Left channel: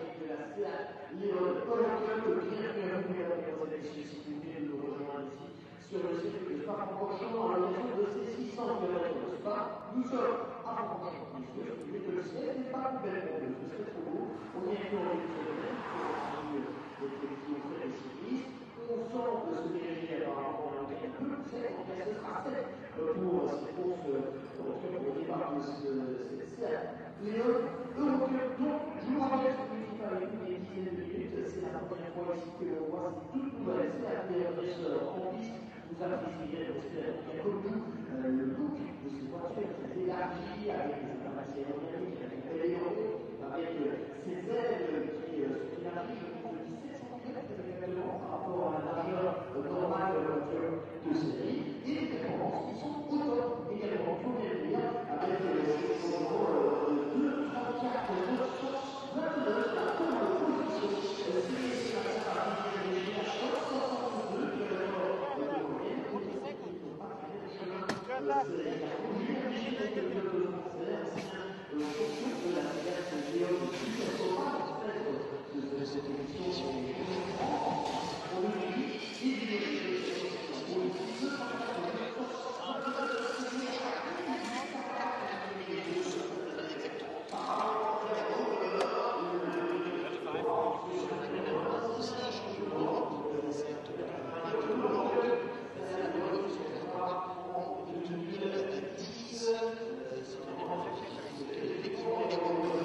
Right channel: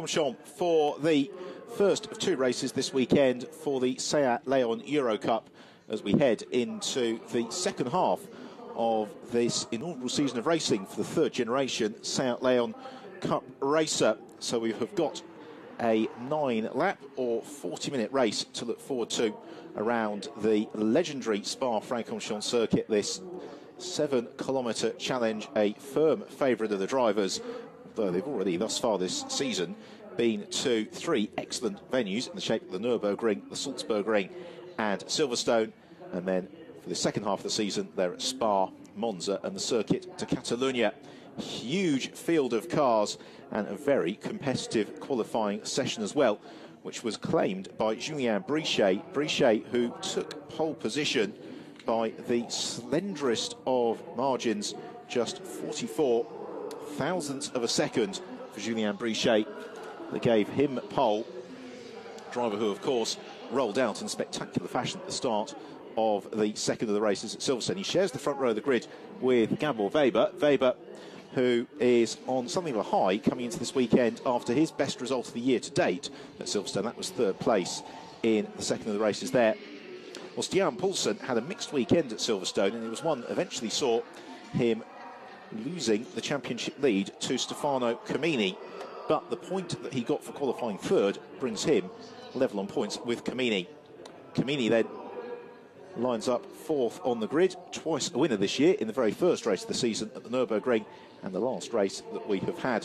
Francorchamps for the first of two races this weekend for the Seat Leon Eurocup as we head into the second half of this inaugural season of racing for the third generation Seat Leon Cup racer. So we have got a 9-lap or 40-minute race to look forward to around the legendary Spa-Francorchamps circuit. This 7-kilometre challenge, a firm favourite of the drivers, though they've already thus far this season been to three excellent venues in the shape of the Nürburgring, the Salzburgring and Silverstone, and then for the second half of the season they're at Spa, Monza and the Circuit de Catalunya. Huge field of cars and a very competitive qualifying session as well, which was claimed by Julien Brichet, who took pole position by the slenderest of margins, just 44 thousandths of a second for Julien Brichet, that gave him pole. Driver who, of course, rolled out in spectacular fashion at the start of the second of the races at Silverstone. He shares the front row of the grid with Gabor Weber. Weber, who is on something of a high coming into this weekend after his best result of the year to date at Silverstone. That was third place in the second of the races there. Well, Stian Poulsen had a mixed weekend at Silverstone, and it was one that eventually saw him losing the championship lead to Stefano Camini. But the point that he got for qualifying third brings him level on points with Camini. Camini then lines up fourth on the grid, twice a winner this year in the very first race of the season at the Nürburgring, and the last race that we have had,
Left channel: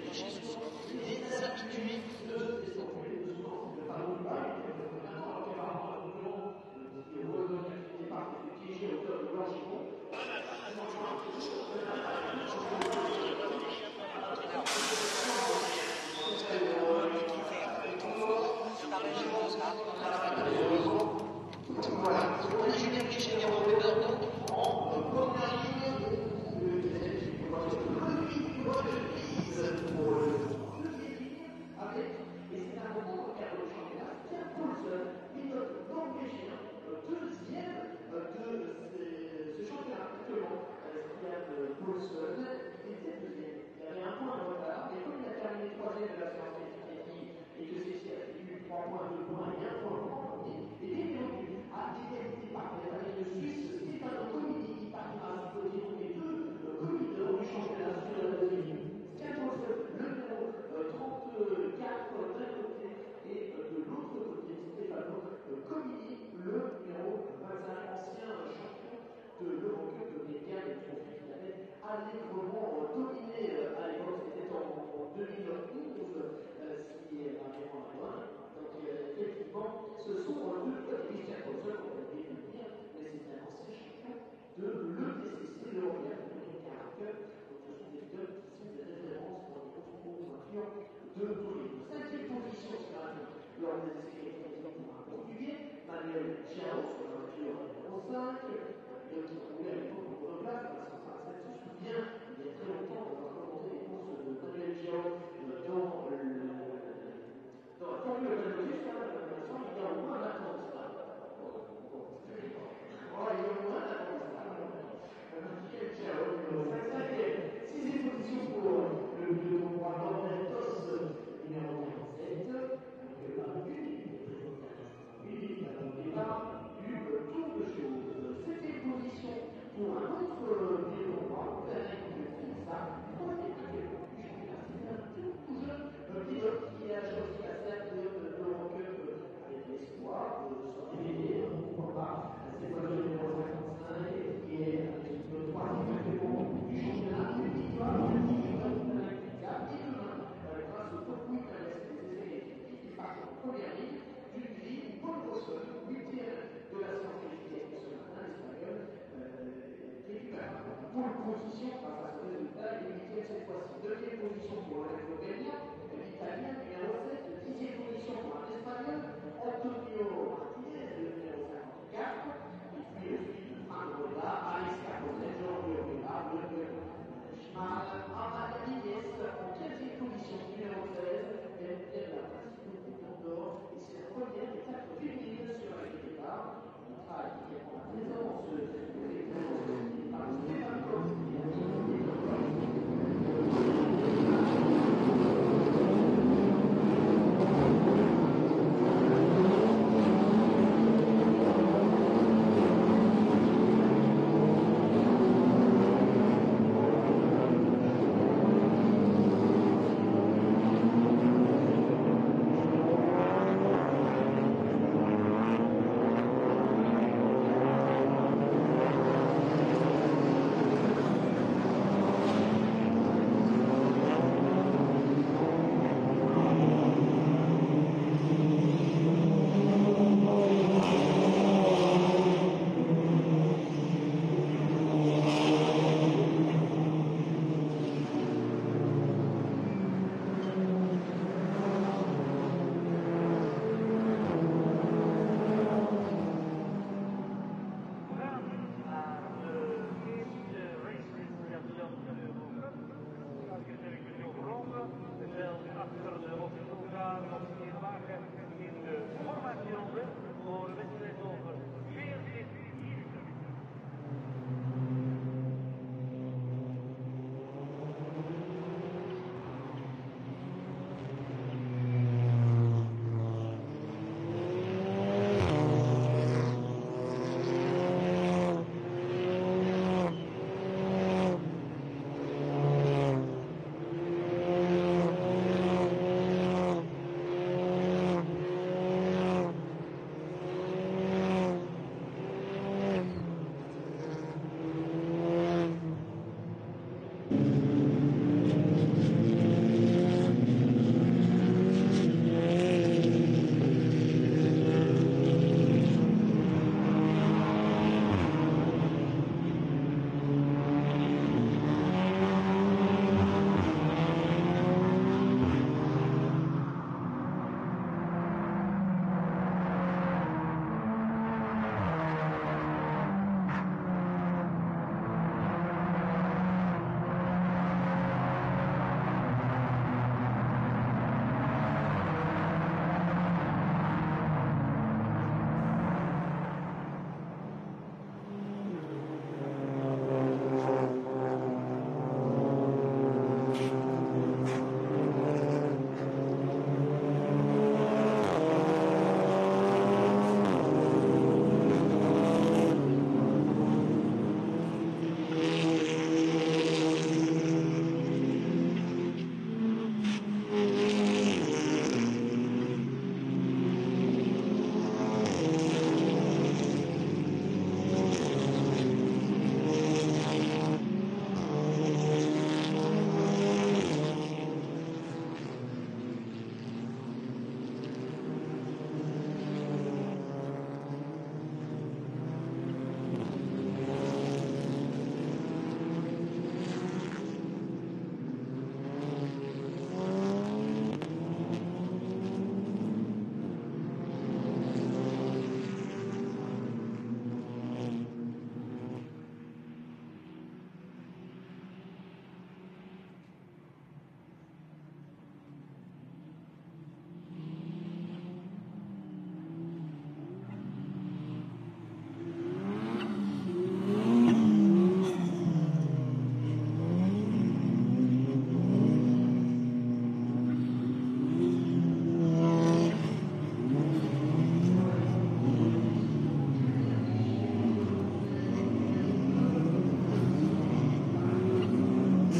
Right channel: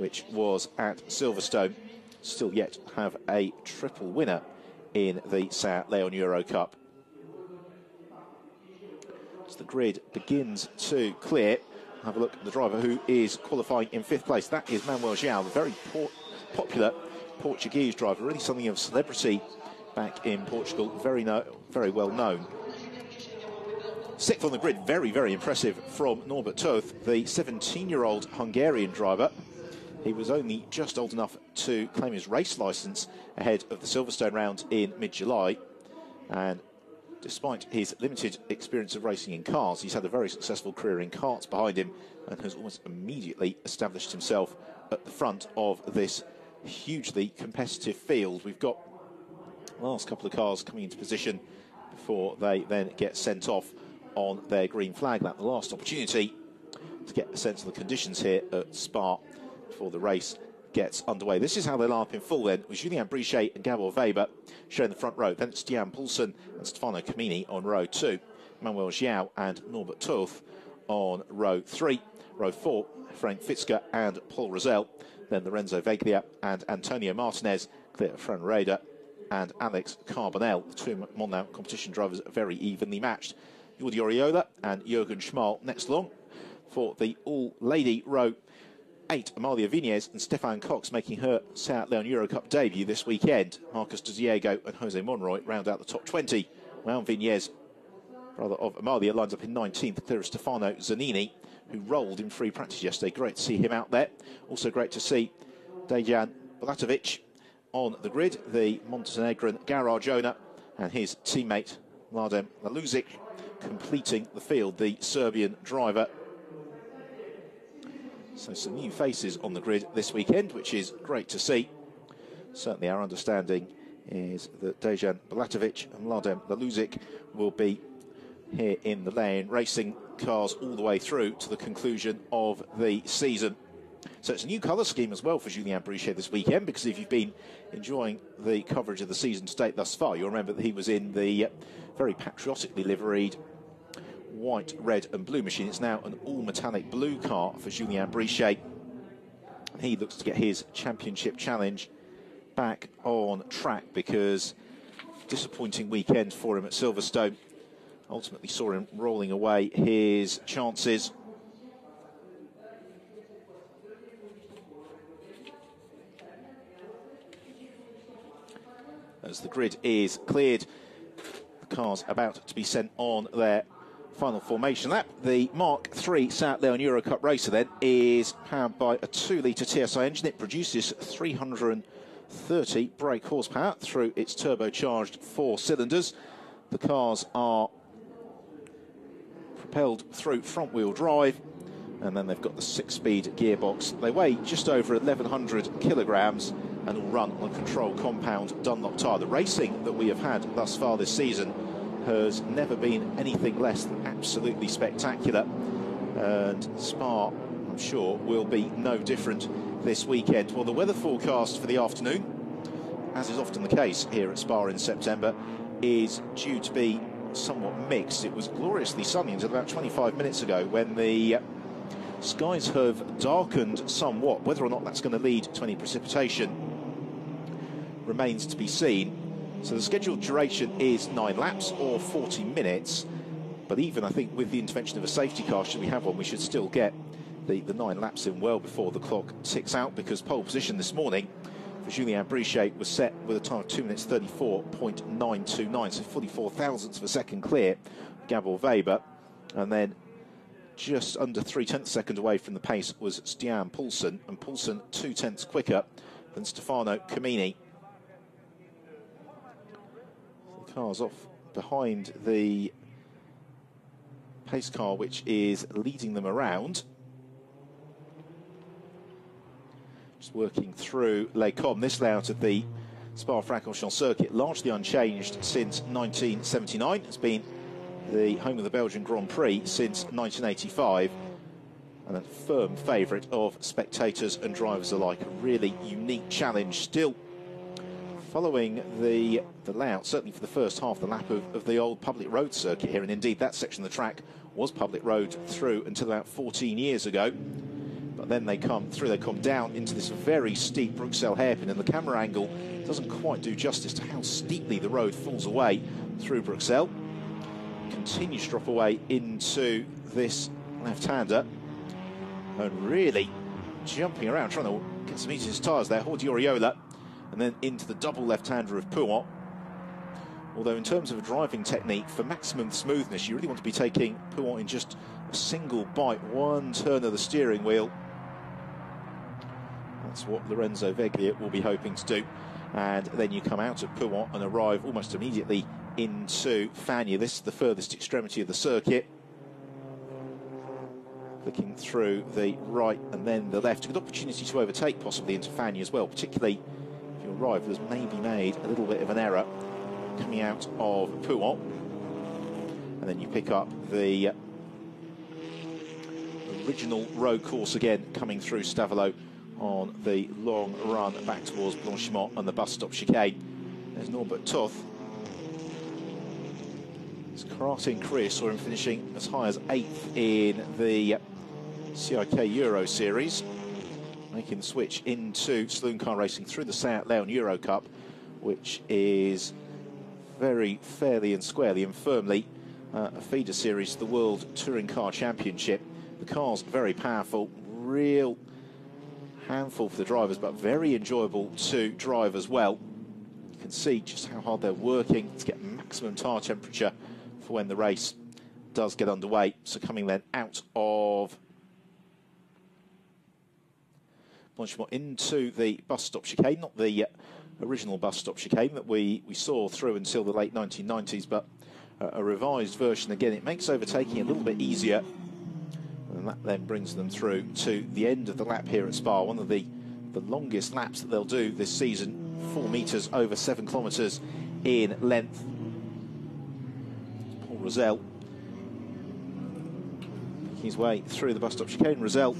which was at Silverstone. Still yet to have a triple winner in the Seat Leon Eurocup. As the grid begins to clear, have a look at the driver who is qualifying in fifth place. That is Manuel João, very popular Portuguese driver, really something of a celebrity back in Portugal, very well known. Sixth on the grid, very impressive from Norbert Toth, the 17-year-old Hungarian driver. He was only just old enough to claim his race licence ahead of the Silverstone round in mid-July, and despite his limited experience of racing in cars, he's had a very successful career in karts behind him and has almost immediately established himself at the front of this hugely competitive field. We've got the last couple of cars coming into position before they then get sent off on their green flag. That's the last opportunity to get a sense of the conditions here at Spa before the race gets underway. This is how they line up in full then, with Julien Brichet and Gabor Weber showing the front row. Then it's Stian Poulsen and Stefano Camini on row 2. Manuel João and Norbert Toth on row 3. Row 4, Frank Fitzger and Paul Rosell. Then Lorenzo Veglia and Antonio Martinez, Clear Franreda and Alex Carbonell. The two Monmouth competition drivers very evenly matched. Jordi Oriola and Jürgen Schmal next along. For the all-lady row 8, Amalia Vinez and Stefan Cox making her Seat Leon Eurocup debut this weekend. Marcus De Diego and Jose Monroy round out the top 20. Now Vinez, brother of Amalia, lines up in 19th, clear of Stefano Zanini, who rolled in free practice yesterday. Great to see him out there. Also great to see Dejan Bulatovic on the grid, the Montenegrin garage owner, and his teammate Mladen Laluzic completing the field, the Serbian driver. So some new faces on the grid this weekend, which is great to see. Certainly our understanding is that Dejan Bulatovic and Mladen Laluzic will be here in the lane racing cars all the way through to the conclusion of the season. So it's a new colour scheme as well for Julien Brichet this weekend, because if you've been enjoying the coverage of the season to date thus far, you'll remember that he was in the very patriotically liveried white, red and blue machine. It's now an all-metallic blue car for Julien Brichet. He looks to get his championship challenge back on track, because disappointing weekend for him at Silverstone ultimately saw him rolling away his chances. As the grid is cleared, the car's about to be sent on their final formation lap. The Mark III Seat Leon Eurocup racer then is powered by a 2-litre TSI engine. It produces 330 brake horsepower through its turbocharged 4 cylinders. The cars are propelled through front-wheel drive, And then they've got the 6-speed gearbox. They weigh just over 1,100 kilograms and will run on control compound Dunlop tyre. The racing that we have had thus far this season has never been anything less than absolutely spectacular. And Spa, I'm sure, will be no different this weekend. Well, the weather forecast for the afternoon, as is often the case here at Spa in September, is due to be somewhat mixed. It was gloriously sunny until about 25 minutes ago when the skies have darkened somewhat. Whether or not that's going to lead to any precipitation remains to be seen. So the scheduled duration is 9 laps or 40 minutes. But even, I think, with the intervention of a safety car, should we have one, we should still get the 9 laps in well before the clock ticks out, because pole position this morning, Julien Brichet was set with a time of 2 minutes 34.929, so 44 thousandths of a second clear Gabor Weber, and then just under 3/10 seconds away from the pace was Stian Poulsen, and Poulsen 2/10 quicker than Stefano Camini. Cars off behind the pace car, which is leading them around. Just working through Les Combes, this layout of the Spa-Francorchamps circuit, largely unchanged since 1979. It's been the home of the Belgian Grand Prix since 1985, and a firm favourite of spectators and drivers alike. Really unique challenge still following the layout, certainly for the first half of the map of the old public road circuit here, and indeed that section of the track was public road through until about 14 years ago. But then they come through, they come down into this very steep Bruxelles hairpin, and the camera angle doesn't quite do justice to how steeply the road falls away through Bruxelles. Continues to drop away into this left-hander, and really jumping around, trying to get some each of his tyres there, Horti Oriola, and then into the double left-hander of Pouan. Although in terms of driving technique, for maximum smoothness, you really want to be taking Pouan in just a single bite, one turn of the steering wheel. That's what Lorenzo Veglia will be hoping to do. And then you come out of Pouan and arrive almost immediately into Fagnes. This is the furthest extremity of the circuit. Looking through the right and then the left. Good opportunity to overtake possibly into Fagnes as well, particularly the driver has made a little bit of an error coming out of Pouan. And then you pick up the original road course again, coming through Stavelot on the long run back towards Francorchamps and the bus stop chicane. There's Norbert Toth. Karate Chris saw him finishing as high as 8th in the CIK Euro Series, making the switch into saloon car racing through the Seat Leon Eurocup, which is very fairly and squarely and firmly a feeder series to the World Touring Car Championship. The car's very powerful, real handful for the drivers, but very enjoyable to drive as well. You can see just how hard they're working to get maximum tyre temperature for when the race does get underway. So coming then out of Francorchamps into the bus stop chicane, not the original bus stop chicane that we saw through until the late 1990s, but a revised version again. It makes overtaking a little bit easier, and that then brings them through to the end of the lap here at Spa, one of the longest laps that they'll do this season, 4 metres over 7 kilometres in length. Rosell, his way through the bus stop chicane. Rosell,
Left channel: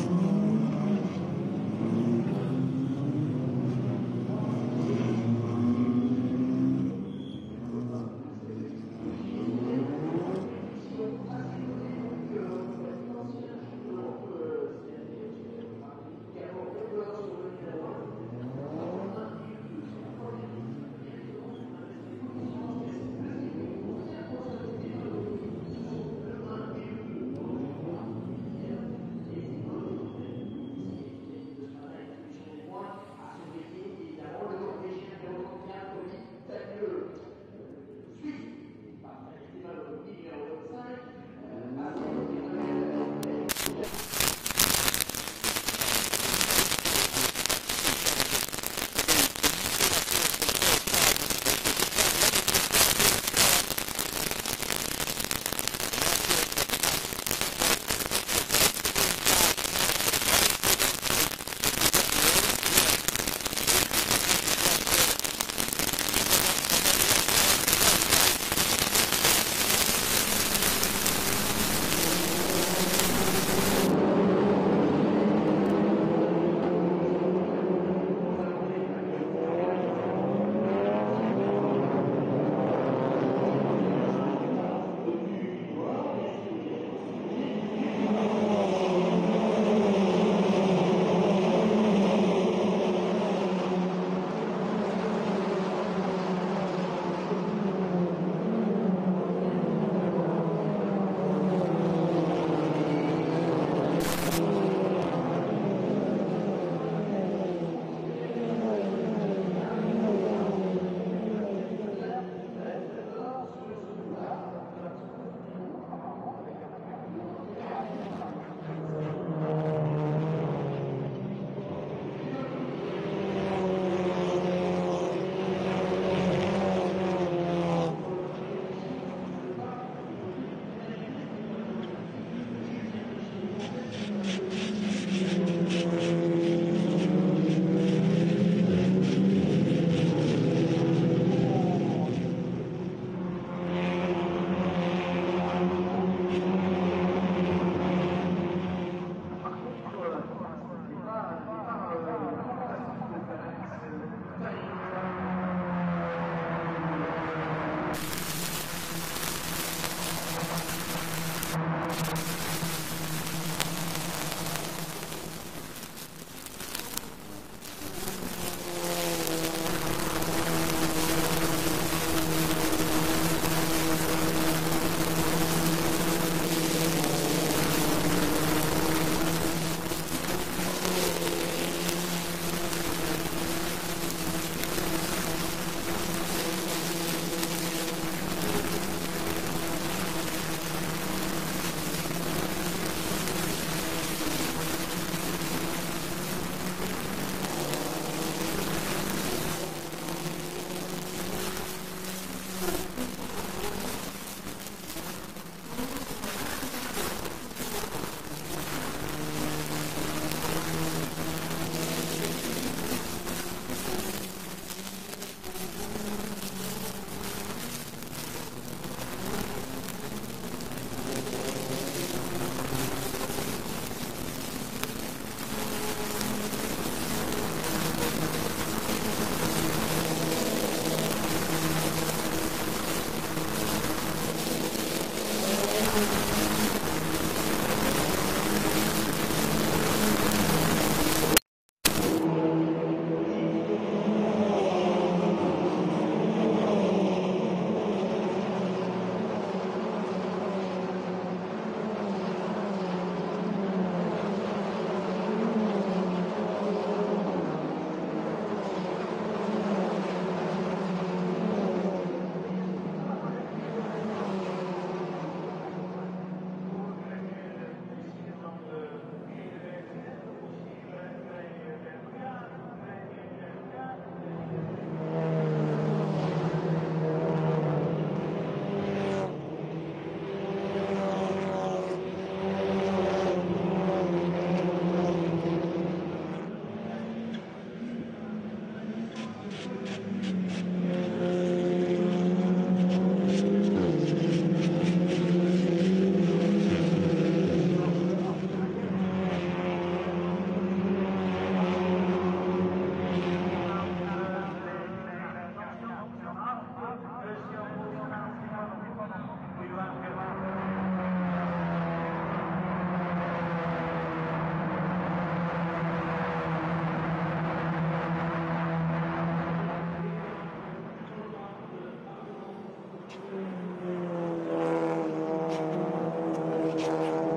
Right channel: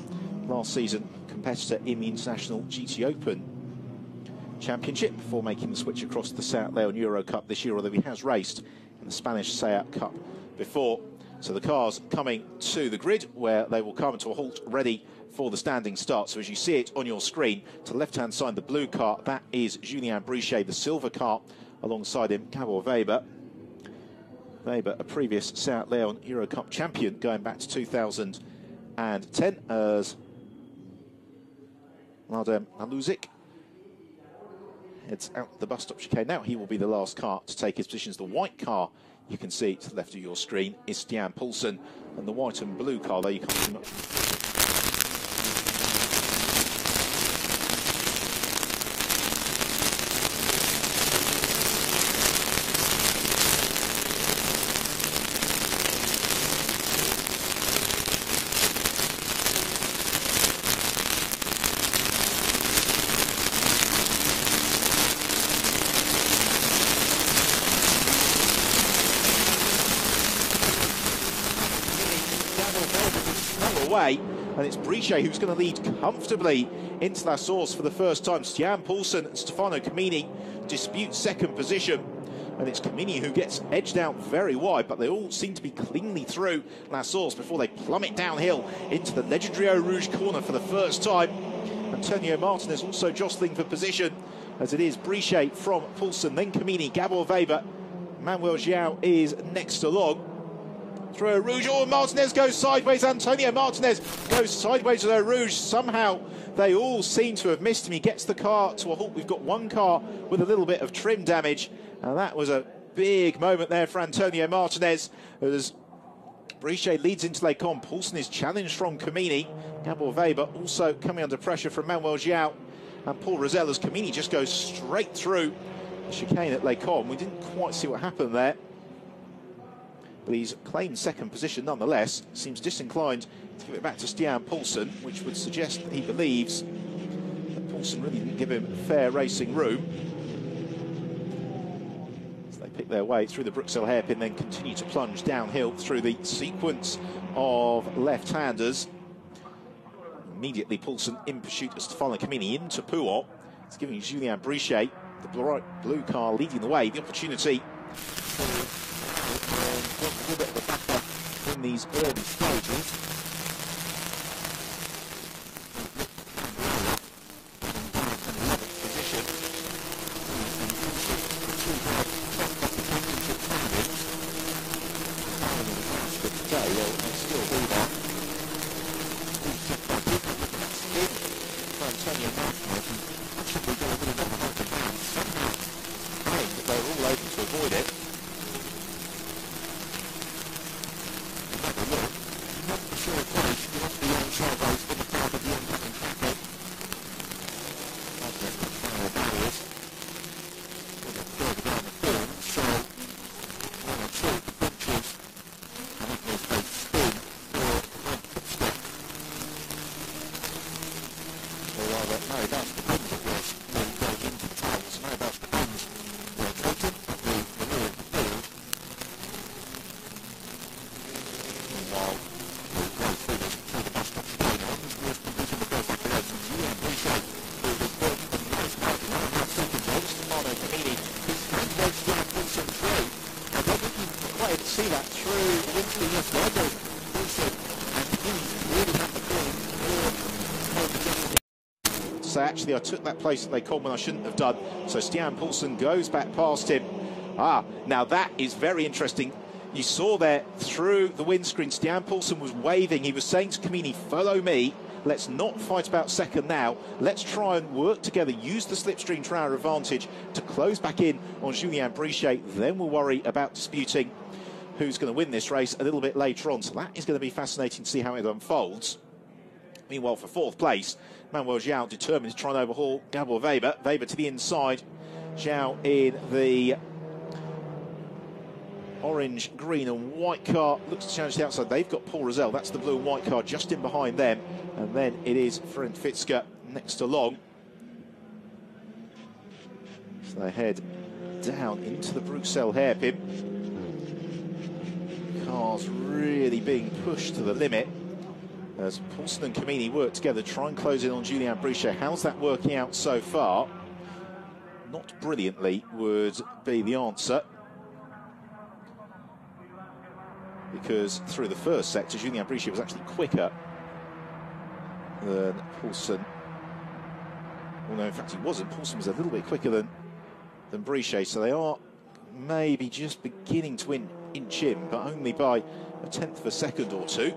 last season competitor in the International GT Open Championship, before making the switch across to the Seat Leon Eurocup this year, although he has raced in the Spanish Seat Cup before. So the cars coming to the grid, where they will come to a halt ready for the standing start. So as you see it on your screen, to the left-hand side, the blue car, that is Julien Brichet. The silver car alongside him, Gabor Weber. Weber, a previous Seat Leon Eurocup champion going back to 2010 as Mladен Aluzic heads out the bus stop chicane. Now he will be the last car to take his positions. The white car, you can see to the left of your screen, is Stian Poulsen, and the white and blue car there you can brilliantly into La Source for the first time. Stian Poulsen and Stefano Camini dispute second position. And it's Camini who gets edged out very wide, but they all seem to be cleanly through La Source before they plummet downhill into the legendary Eau Rouge corner for the first time. Antonio Martinez also jostling for position, as it is Brichet from Poulsen, then Camini, Gabor Weber. Manuel João is next along. Through Eau Rouge, oh, Martinez goes sideways. Antonio Martinez goes sideways with Eau Rouge. Somehow they all seem to have missed him. He gets the car to a halt. We've got one car with a little bit of trim damage, and that was a big moment there for Antonio Martinez as Brichet leads into Les Combes. Poulsen is challenged from Camini. Gabor Weber also coming under pressure from Manuel João and Paul Rosell as Camini just goes straight through chicane at Les Combes. We didn't quite see what happened there, but he's claimed second position nonetheless. Seems disinclined to give it back to Stian Poulsen, which would suggest he believes Poulsen will give him fair racing room. As they pick their way through the Bruxelles hairpin, then continue to plunge downhill through the sequence of left-handers. Immediately Poulsen in pursuit of Stefano Camini into Pouhon. It's giving Julien Brichet, the blue car, leading the way. The opportunity in these early stages. Actually, I took that place that they called me, I shouldn't have done. So Stian Poulsen goes back past him. Now that is very interesting. You saw there through the windscreen, Stian Poulsen was waving. He was saying to Camini, follow me. Let's not fight about second now. Let's try and work together, use the slipstream to our advantage to close back in on Julien Brichet. Then we'll worry about disputing who's going to win this race a little bit later on. So that is going to be fascinating to see how it unfolds. Meanwhile, for fourth place, Manuel João determined to try and overhaul Gabor Weber. Weber to the inside. João in the orange, green and white car. Looks to change the outside. They've got Paul Rosell. That's the blue and white car just in behind them. Then it is Fred Fitzger next along. So they head down into the Bruxelles hairpin. Cars really being pushed to the limit. As Poulsen and Camini work together, try and close in on Julien Brichet. How's that working out so far? Not brilliantly would be the answer. Because through the first sector, Julien Brichet was actually quicker than Poulsen. Well, in fact, it wasn't. Poulsen was a little bit quicker than Brichet, so they are maybe just beginning to inch in, but only by a tenth of a second or two.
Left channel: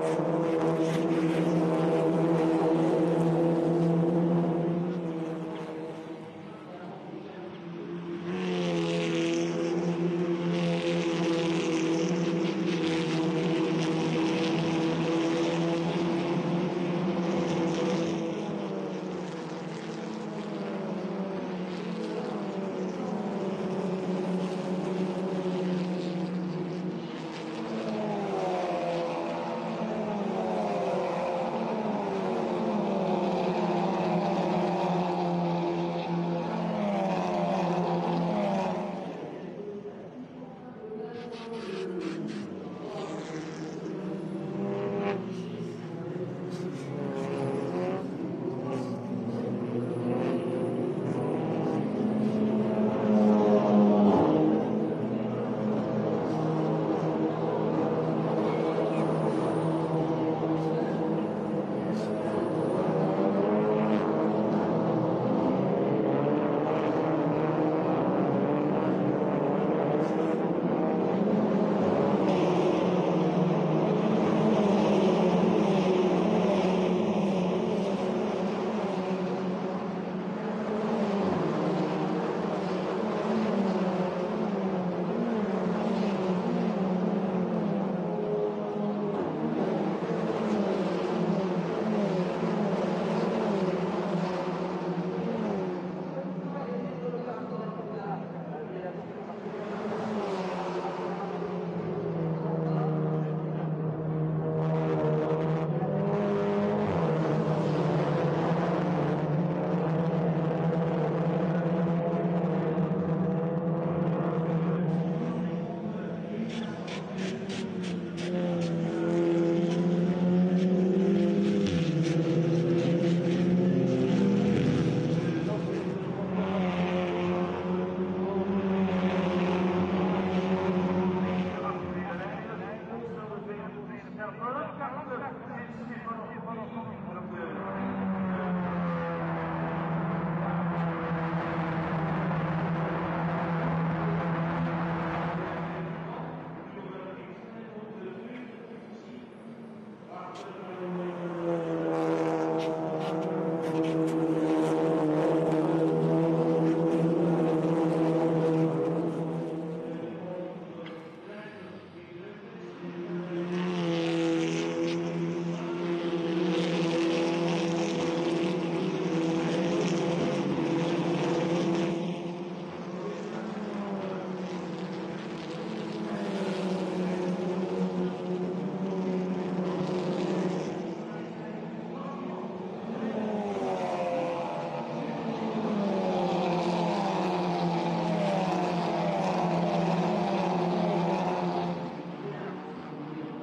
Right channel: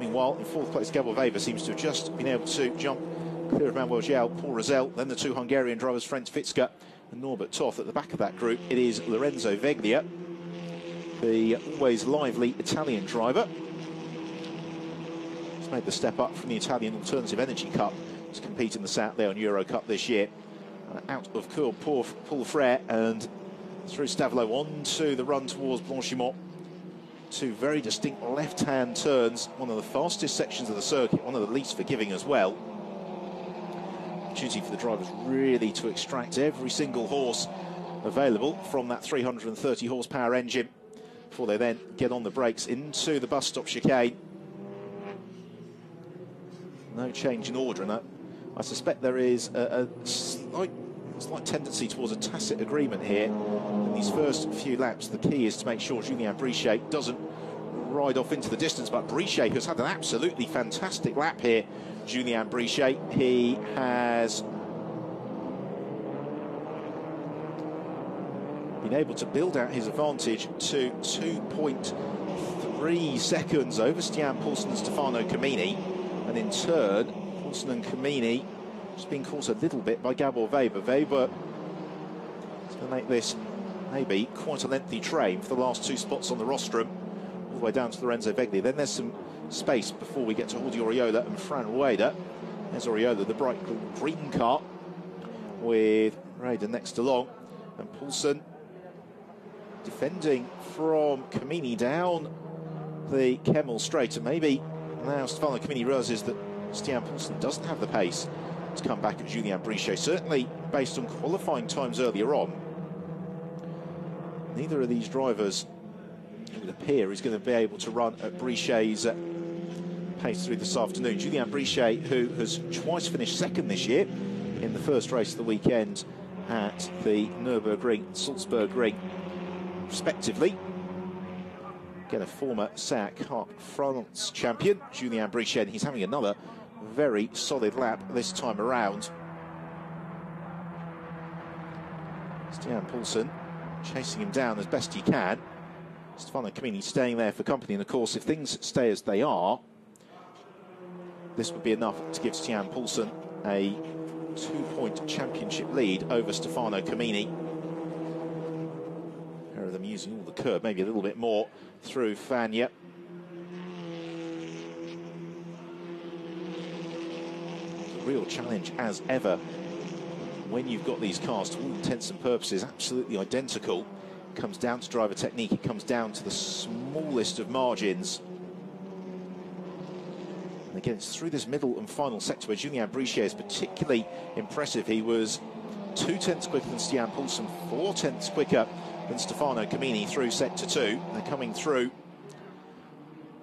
Meanwhile, fourth place Gabor Weber seems to have just been able to jump clear of Manuel João, Paul Rosell, then the two Hungarian drivers, Fred Fitzger and Norbert Toth. At the back of that group, it is Lorenzo Veglia, the always lively Italian driver. He's made the step up from the Italian Alternative Energy Cup to compete at the Saturday on Eurocup this year. Out of Paul Frere and through Stavelot on to the run towards Francorchamps. Two very distinct left-hand turns, one of the fastest sections of the circuit, one of the least forgiving as well. Duty for the drivers really to extract every single horse available from that 330 horsepower engine before they then get on the brakes into the bus stop chicane. No change in order in that suspect there is a slight tendency towards a tacit agreement here. These first few laps, the key is to make sure Julien Brichet doesn't ride off into the distance, but Brichet has had an absolutely fantastic lap here. Julien Brichet, he has been able to build out his advantage to 2.3 seconds over Stian Poulsen and Stefano Camini. And in turn, Poulsen and Camini has been caught a little bit by Gabor Weber. Weber make this maybe quite a lengthy train for the last two spots on the rostrum, all the way down to Lorenzo Begli. Then there's some space before we get to Oriola and Fran Wader. There's Oriola, the bright green car, with Raiden next along. Poulsen defending from Camini down the Kemmel straight, and maybe now Stefano Camini realises that Stian Poulsen doesn't have the pace to come back at Julien Brichet, certainly based on qualifying times earlier on. Neither of these drivers appear is going to be able to run at Brichet's pace through this afternoon. Julien Brichet, who has twice finished second this year in the first race of the weekend at the Nürburgring and Salzburgring, respectively. Again, a former SEAT Cup France champion, Julien Brichet. He's having another very solid lap this time around. Stian Poulsen chasing him down as best he can. Stefano Camini staying there for company, and of course, if things stay as they are, this would be enough to give Stian Poulsen a 2-point championship lead over Stefano Camini. Them using the curb maybe a little bit more through Fagnes. Real challenge as ever when you've got these cars, to all intents and purposes, absolutely identical. It comes down to driver technique, it comes down to the smallest of margins. Again, it's through this middle and final sector where Julien Brichet is particularly impressive. He was 2 tenths quicker than Stian Poulsen, 4 tenths quicker than Stefano Camini through sector 2. They're coming through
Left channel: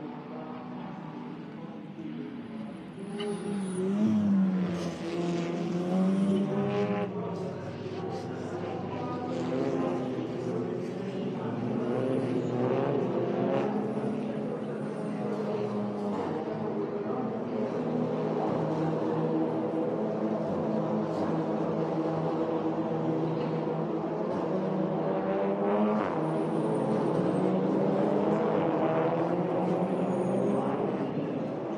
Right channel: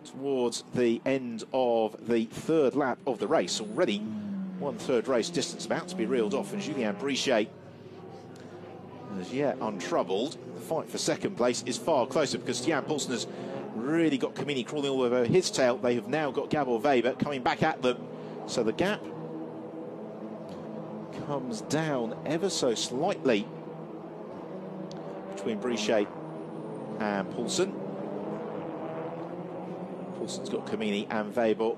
towards the end of the third lap of the race. Already one-third race distance about to be reeled off, and Julien Brichet, as yet untroubled. The fight for second place is far closer because Stian Poulsen has really got Camini crawling all over his tail. They have now got Gabor Weber coming back at them, so the gap comes down ever so slightly between Brichet and Poulsen. Poulsen's got Camini and Weber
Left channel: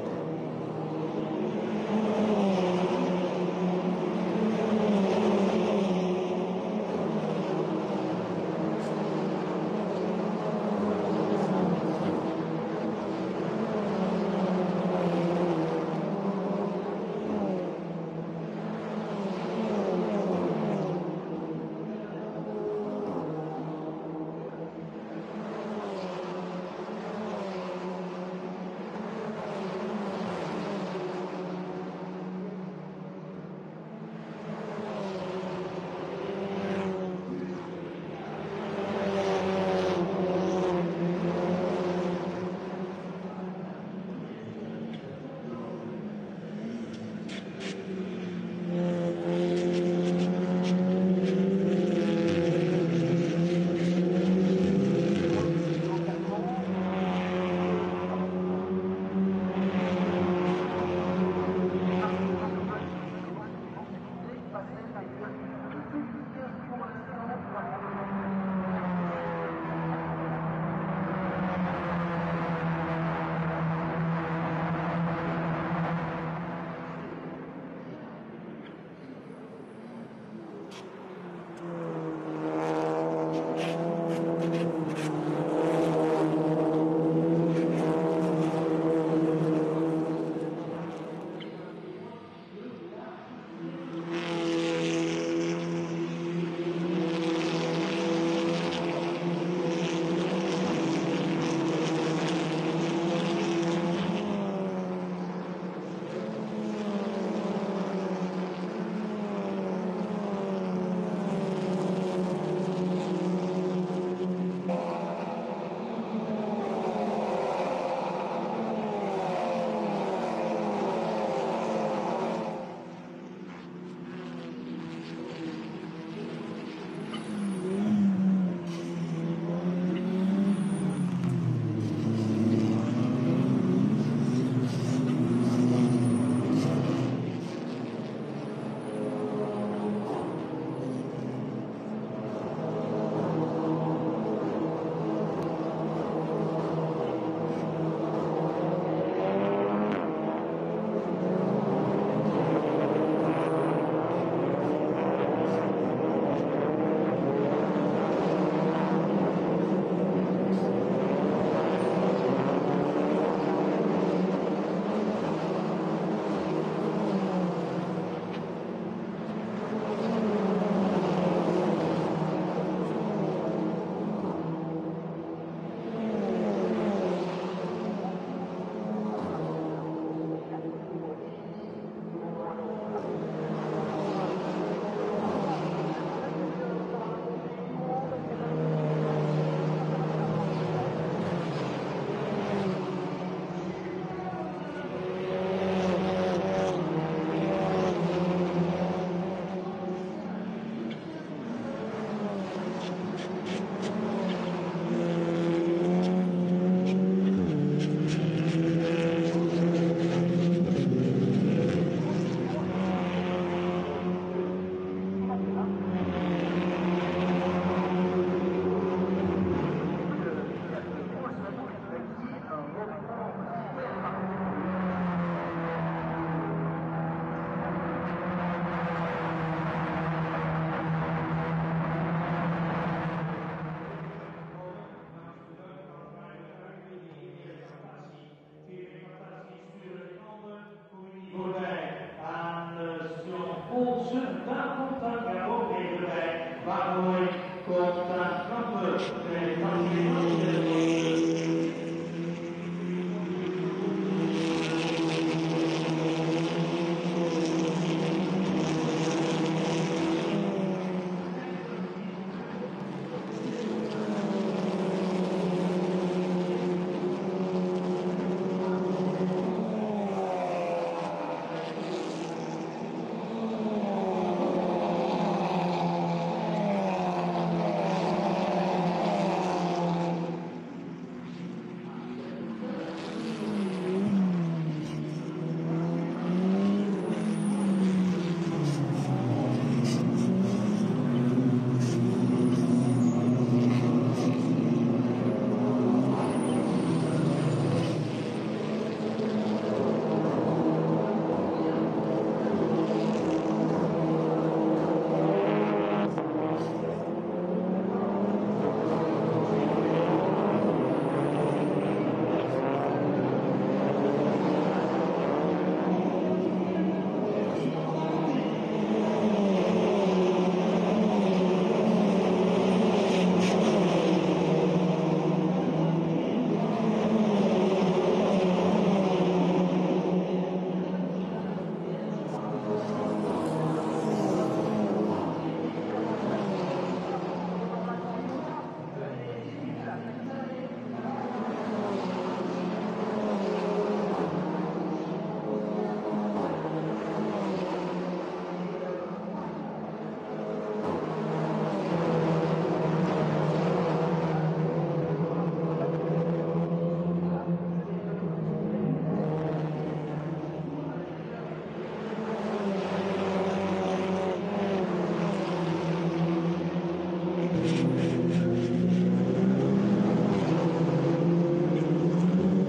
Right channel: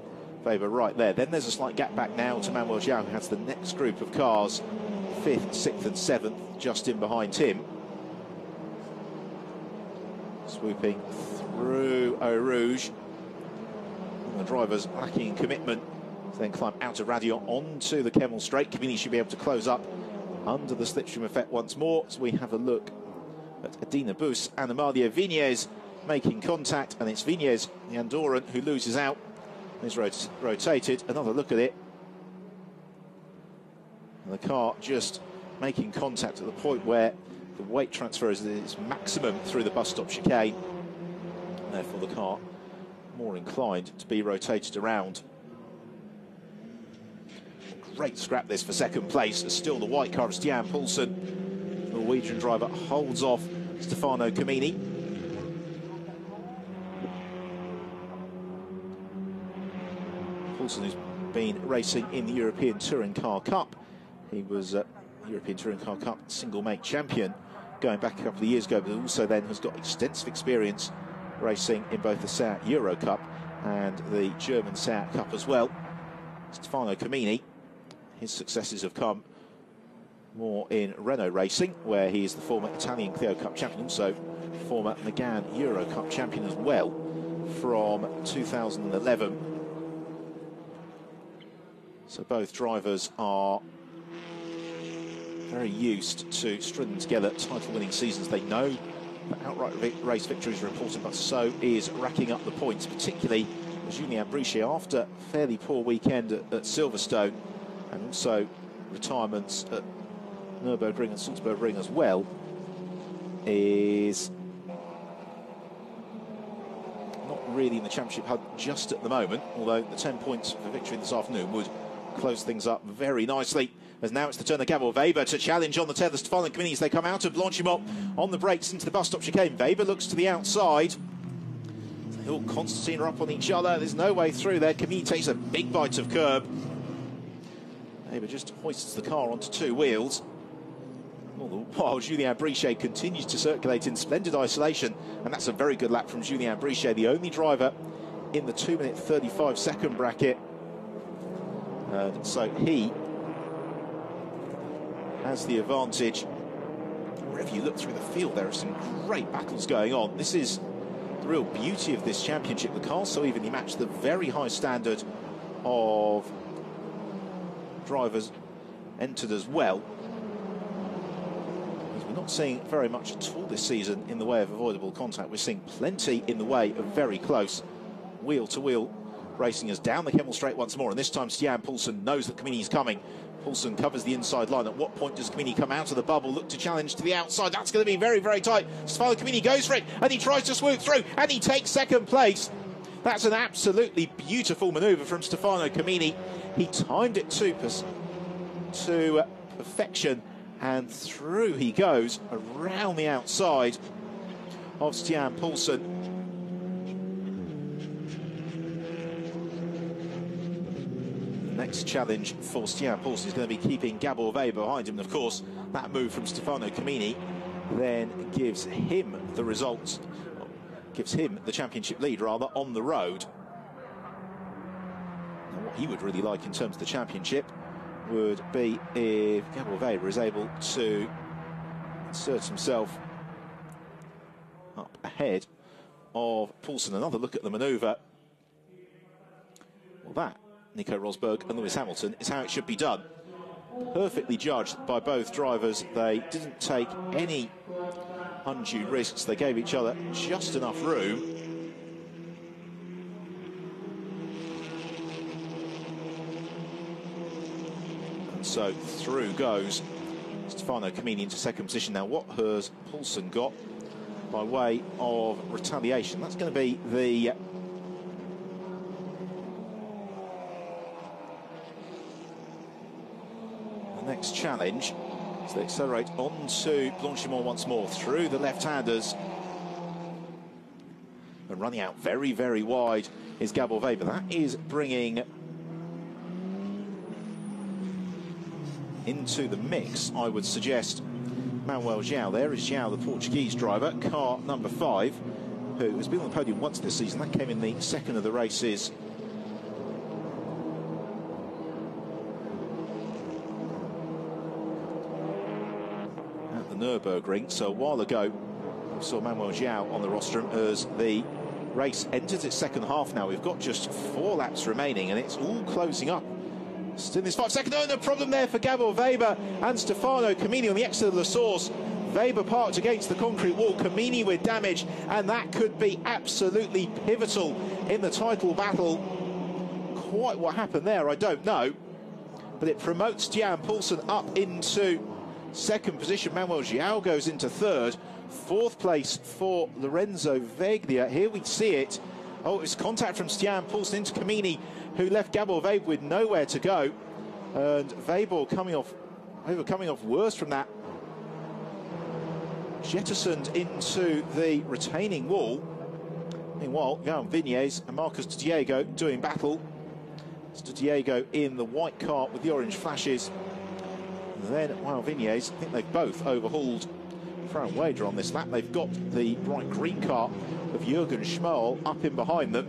right there. Then there's a slight gap back now to Manuel Zhang as the next group of cars, 5th, 6th and 7th, just in behind him. Swooping through Eau Rouge. The drivers lacking commitment. Then climb out of Radion onto the Kemmel straight. Camini should be able to close up under the slipstream effect once more. So we have a look at Adina Bus and Amalia Vignez making contact, and it's Vignez, the Andorran, who loses out. Is rotated. Another look at it. The car just making contact at the point where the weight transfer is at its maximum through the bus stop chicane. Therefore, the car more inclined to be rotated around. Great scrap this for second place. Still the white car of Stian Poulsen. The Norwegian driver holds off Stefano Camini. Racing in the European Touring Car Cup. He was European Touring Car Cup single main champion going back a couple of years ago, but also then has got extensive experience racing in both the SEAT Eurocup and the German SEAT Cup as well. Stefano Camini, his successes have come more in Renault racing, where he is the former Italian Clio Cup champion, also former Megane Eurocup champion as well from 2011. So both drivers are very used to stringing together title-winning seasons. They know outright big race victories are important, but so is racking up the points, particularly Julien Brichet after a fairly poor weekend at Silverstone, and also retirements at Nürburgring and Salzburgring as well, is really in the championship hunt just at the moment, although 10 points of victory this afternoon would close things up very nicely. As now it's the turn of Gabor Weber to challenge on the tail of Stefano Comini as they come out of Blanchimont on the brakes into the bus stop chicane. Weber looks to the outside. Constantine are up on each other. There's no way through there. Comini takes a big bite of curb. Weber just hoists the car onto two wheels. While Julien Brichet continues to circulate in splendid isolation. And that's a very good lap from Julien Brichet, the only driver in the 2-minute 35-second bracket. So he has the advantage. If you look through the field, there are some great battles going on. This is the real beauty of this championship. We can't so evenly match the very high standard of drivers entered as well. Not seeing very much at all this season in the way of avoidable contact. We're seeing plenty in the way, very close, wheel-to-wheel racing us down the Himmel straight once more, and this time Stian Poulsen knows that Comini's coming. Poulsen covers the inside line. At what point does Comini come out of the bubble, look to challenge to the outside? That's going to be very, very tight. Stefano Comini goes for it, and he tries to swoop through, and he takes second place. That's an absolutely beautiful manoeuvre from Stefano Comini. He timed it to perfection, and through he goes around the outside of Stian Poulsen. Challenge for Stian Poulsen is going to be keeping Gabor Weber behind him. And of course, that move from Stefano Comini then gives him the results, gives him the championship lead, rather, on the road. What he would really like in terms of the championship would be if Gabor Weber is able to insert himself up ahead of Poulsen. Another look at the manoeuvre. Well, that, Nico Rosberg and Lewis Hamilton, is how it should be done. Perfectly judged by both drivers. They didn't take any undue risks. They gave each other just enough room. So through goes Stefano Comini into second position. Now what has Poulsen got by way of retaliation? That's going to be the challenge to accelerate onto Blanchimont once more through the left-handers. But running out very, very wide is Gabor Weber. That is bringing into the mix, I would suggest, Manuel João. There is João, the Portuguese driver, car number 5, who has been on the podium once this season. That came in the second of the races. So a while ago, so Manuel João on the rostrum as the race enters its second half. Now we've got just 4 laps remaining, and it's all closing up. Still this 5 second. No problem there for Gabor Weber and Stefano Comini on the exit of the source. Weber parked against the concrete wall, Comini with damage, and that could be absolutely pivotal in the title battle. Quite what happened there, I don't know, but it promotes Stian Poulsen up into second position. Manuel João goes into third. 4th place for Lorenzo Veglia. Here we see it. Oh, this contact from Stian Poulsen into Comini, who left Gabor Weber with nowhere to go. And Weber coming off worse from that. Jettisoned into the retaining wall. Meanwhile, Guillaume Vignes and Marcus Diego doing battle. Diego in the white car with the orange flashes. Then Vignes, I think they've both overhauled Franz Wader on this lap. They've got the white-green car of Jürgen Schmal up in behind them.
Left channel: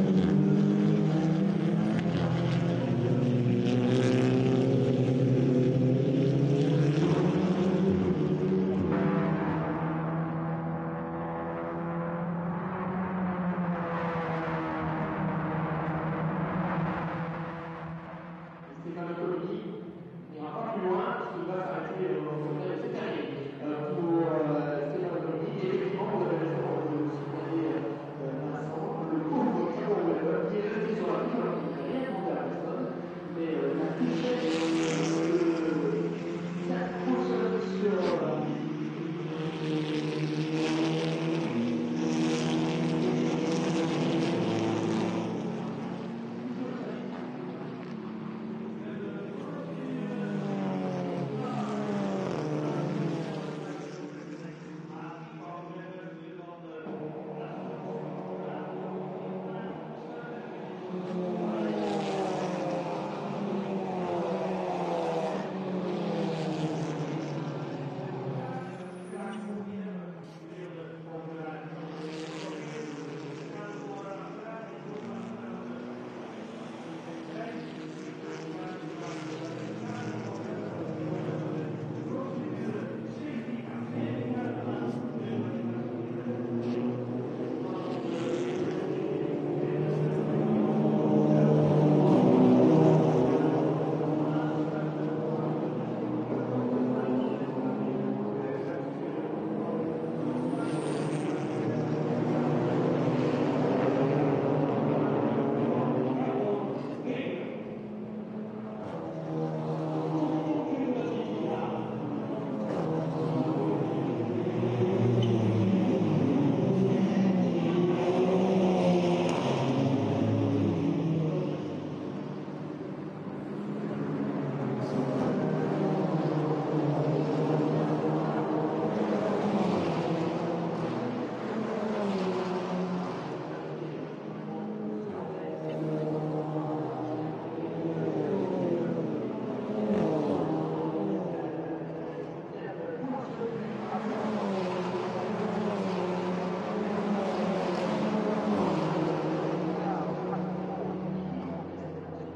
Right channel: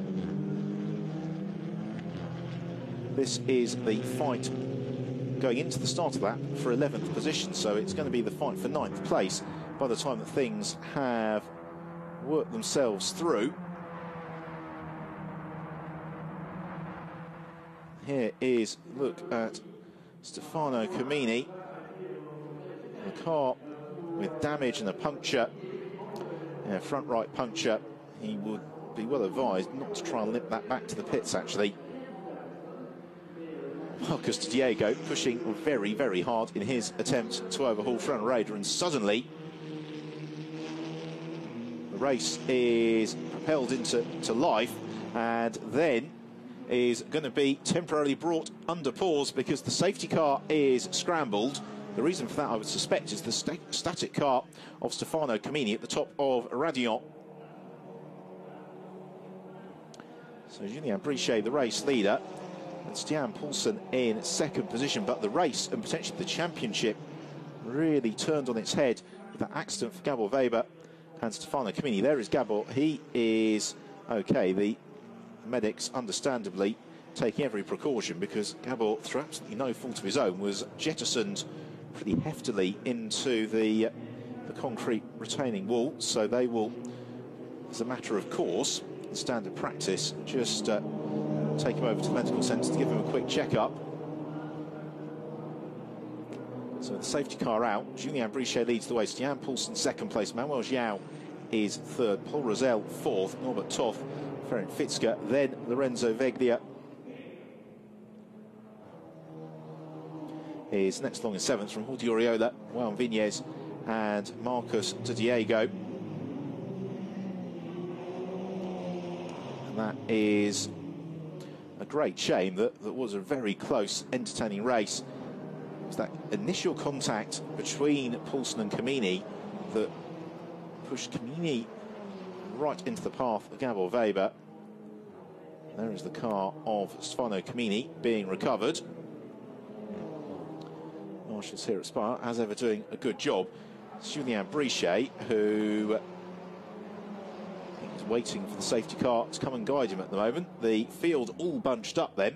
This is the fight going into the start of that for 11th position, so it's going to be the fight for 9th place by the time that things have worked themselves through. Here is a look at Stefano Comini, a car with damage and a puncture, a front right puncture. He would be well advised to try and limp that back to the pits, actually. Marcus Diego pushing very, very hard in his attempt to overhaul Frank Raider, and suddenly the race is propelled into life, and then is going to be temporarily brought under pause because the safety car is scrambled. The reason for that, I would suspect, is the static car of Stefano Camini at the top of Radillon. So Julien Brichet, the race leader, Stian Paulsen in second position, but the race and potentially the championship really turned on its head. The accident for Gabor Weber and Stefano Camini. There is Gabor. He is okay. The medics, understandably, taking every precaution because Gabor, through absolutely no fault of his own, was jettisoned pretty heftily into the concrete retaining wall. So they will, as a matter of course, standard practice, just take him over to the medical centre to give him a quick check-up. So the safety car out, Julien Brichet leads the way, Stian Paulsen second place, Manuel João is third, Paul Rosell fourth, top, Ferenc Fitzka, then Lorenzo Veglia is next along in seventh from Di Oriola, Juan Viñez and Marcos de Diego. That is a great shame that there was a very close, entertaining race. That initial contact between Paulsen and Camini that pushed Camini right into the path of Gabor Weber. There's the car of Stefano Camini being recovered. Sierra Spa, as ever, doing a good job. Julien Brichet, who is waiting for the safety car to come and guide him at the moment. The field all bunched up then.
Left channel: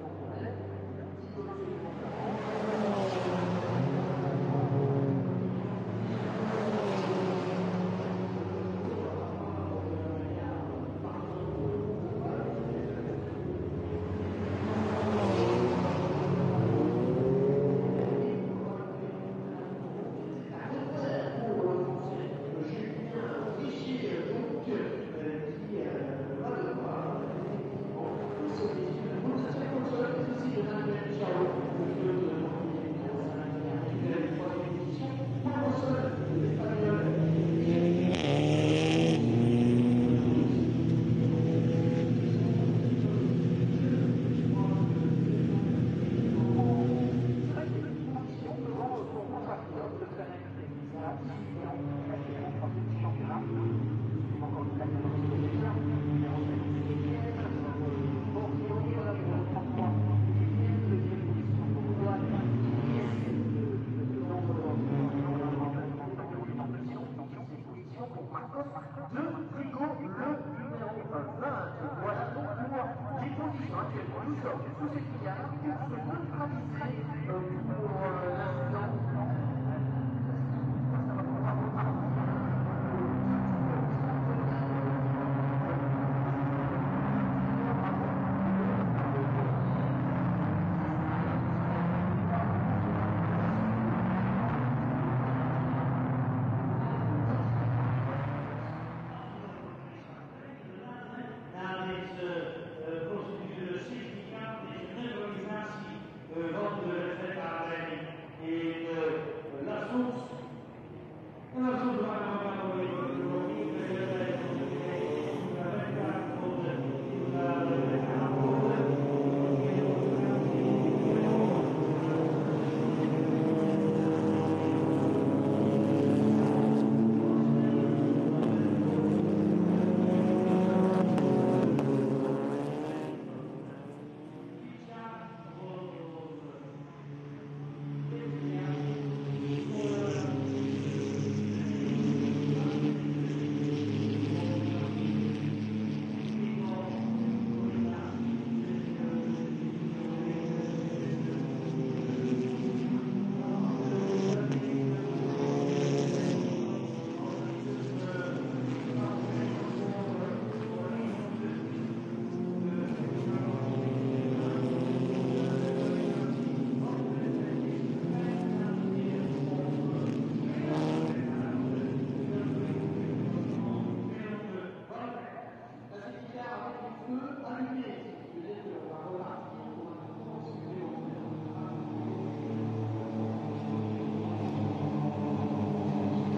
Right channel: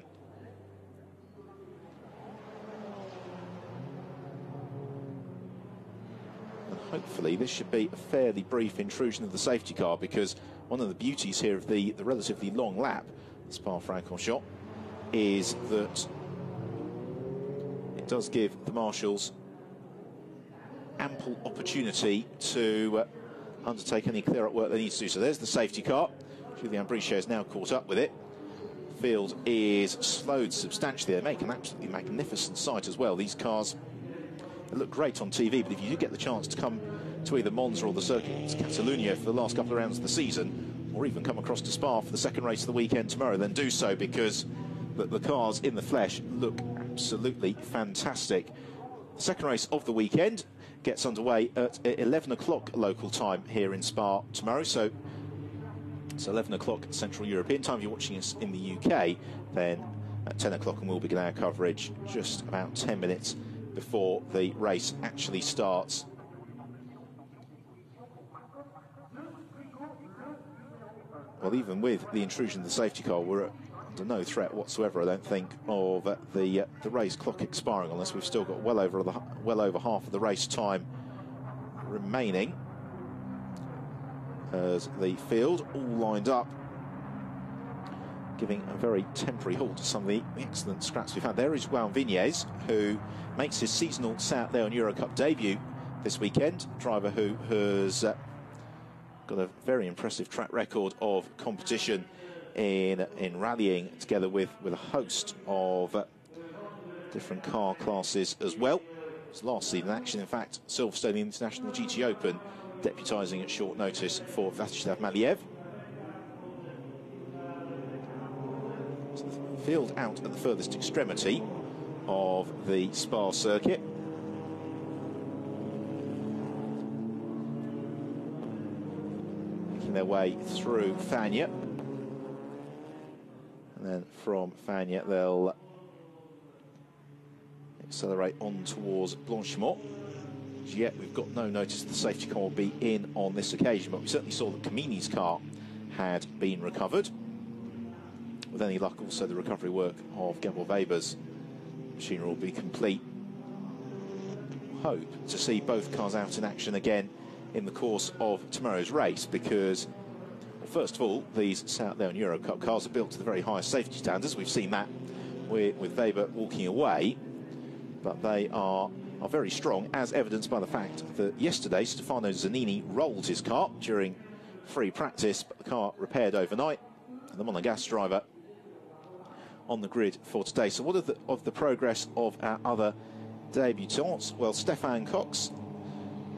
Should be a fairly brief intrusion of the safety car, because one of the beauties here of the relatively long lap at Spa-Francorchamps is that it does give the marshals ample opportunity to undertake any clear-up work they need to do. So there's the safety car. Julien Brichet is now caught up with it. The field is slowed substantially. They make an absolutely magnificent sight as well. These cars look great on TV, but if you do get the chance to come to either Monza or the circuit of Catalunya for the last couple of rounds of the season, or even come across to Spa for the second race of the weekend tomorrow, then do so, because the cars in the flesh look absolutely fantastic. The second race of the weekend gets underway at 11 o'clock local time here in Spa tomorrow, so it's 11 o'clock Central European time. You're watching it in the UK, then at 10 o'clock and we'll begin our coverage just about 10 minutes before the race actually starts. Well, even with the intrusion of the safety car, we're under no threat whatsoever, I don't think, of the race clock expiring on us. We've still got well over half of the race time remaining, as the field all lined up, giving a very temporary halt to some of the excellent scraps we've had. There is Juan Viñez, who makes his seasonal South Leon Eurocup debut this weekend. A driver who has got a very impressive track record of competition in rallying, together with a host of different car classes as well. His last season action, in fact, Silverstone International GT Open, deputising at short notice for Vladislav Maliev. Field out at the furthest extremity of the Spa circuit. Their way through Fagnes, and from Fagnes they'll accelerate on towards Blanchimont. Yet we've got no notice that the safety car will be in on this occasion, but we certainly saw that Camini's car had been recovered. With any luck, also the recovery work of Gabor Weber's machine will be complete. Hope to see both cars out in action again in the course of tomorrow's race, because first of all, these South Leon Eurocup cars are built to the very highest safety standards. We've seen that with Weber walking away, but they are very strong, as evidenced by the fact that yesterday Stefano Zanini rolled his car during free practice, but the car repaired overnight. The Monegasque driver on the grid for today. So what of the progress of our other debutants? Well, Stefan Cox,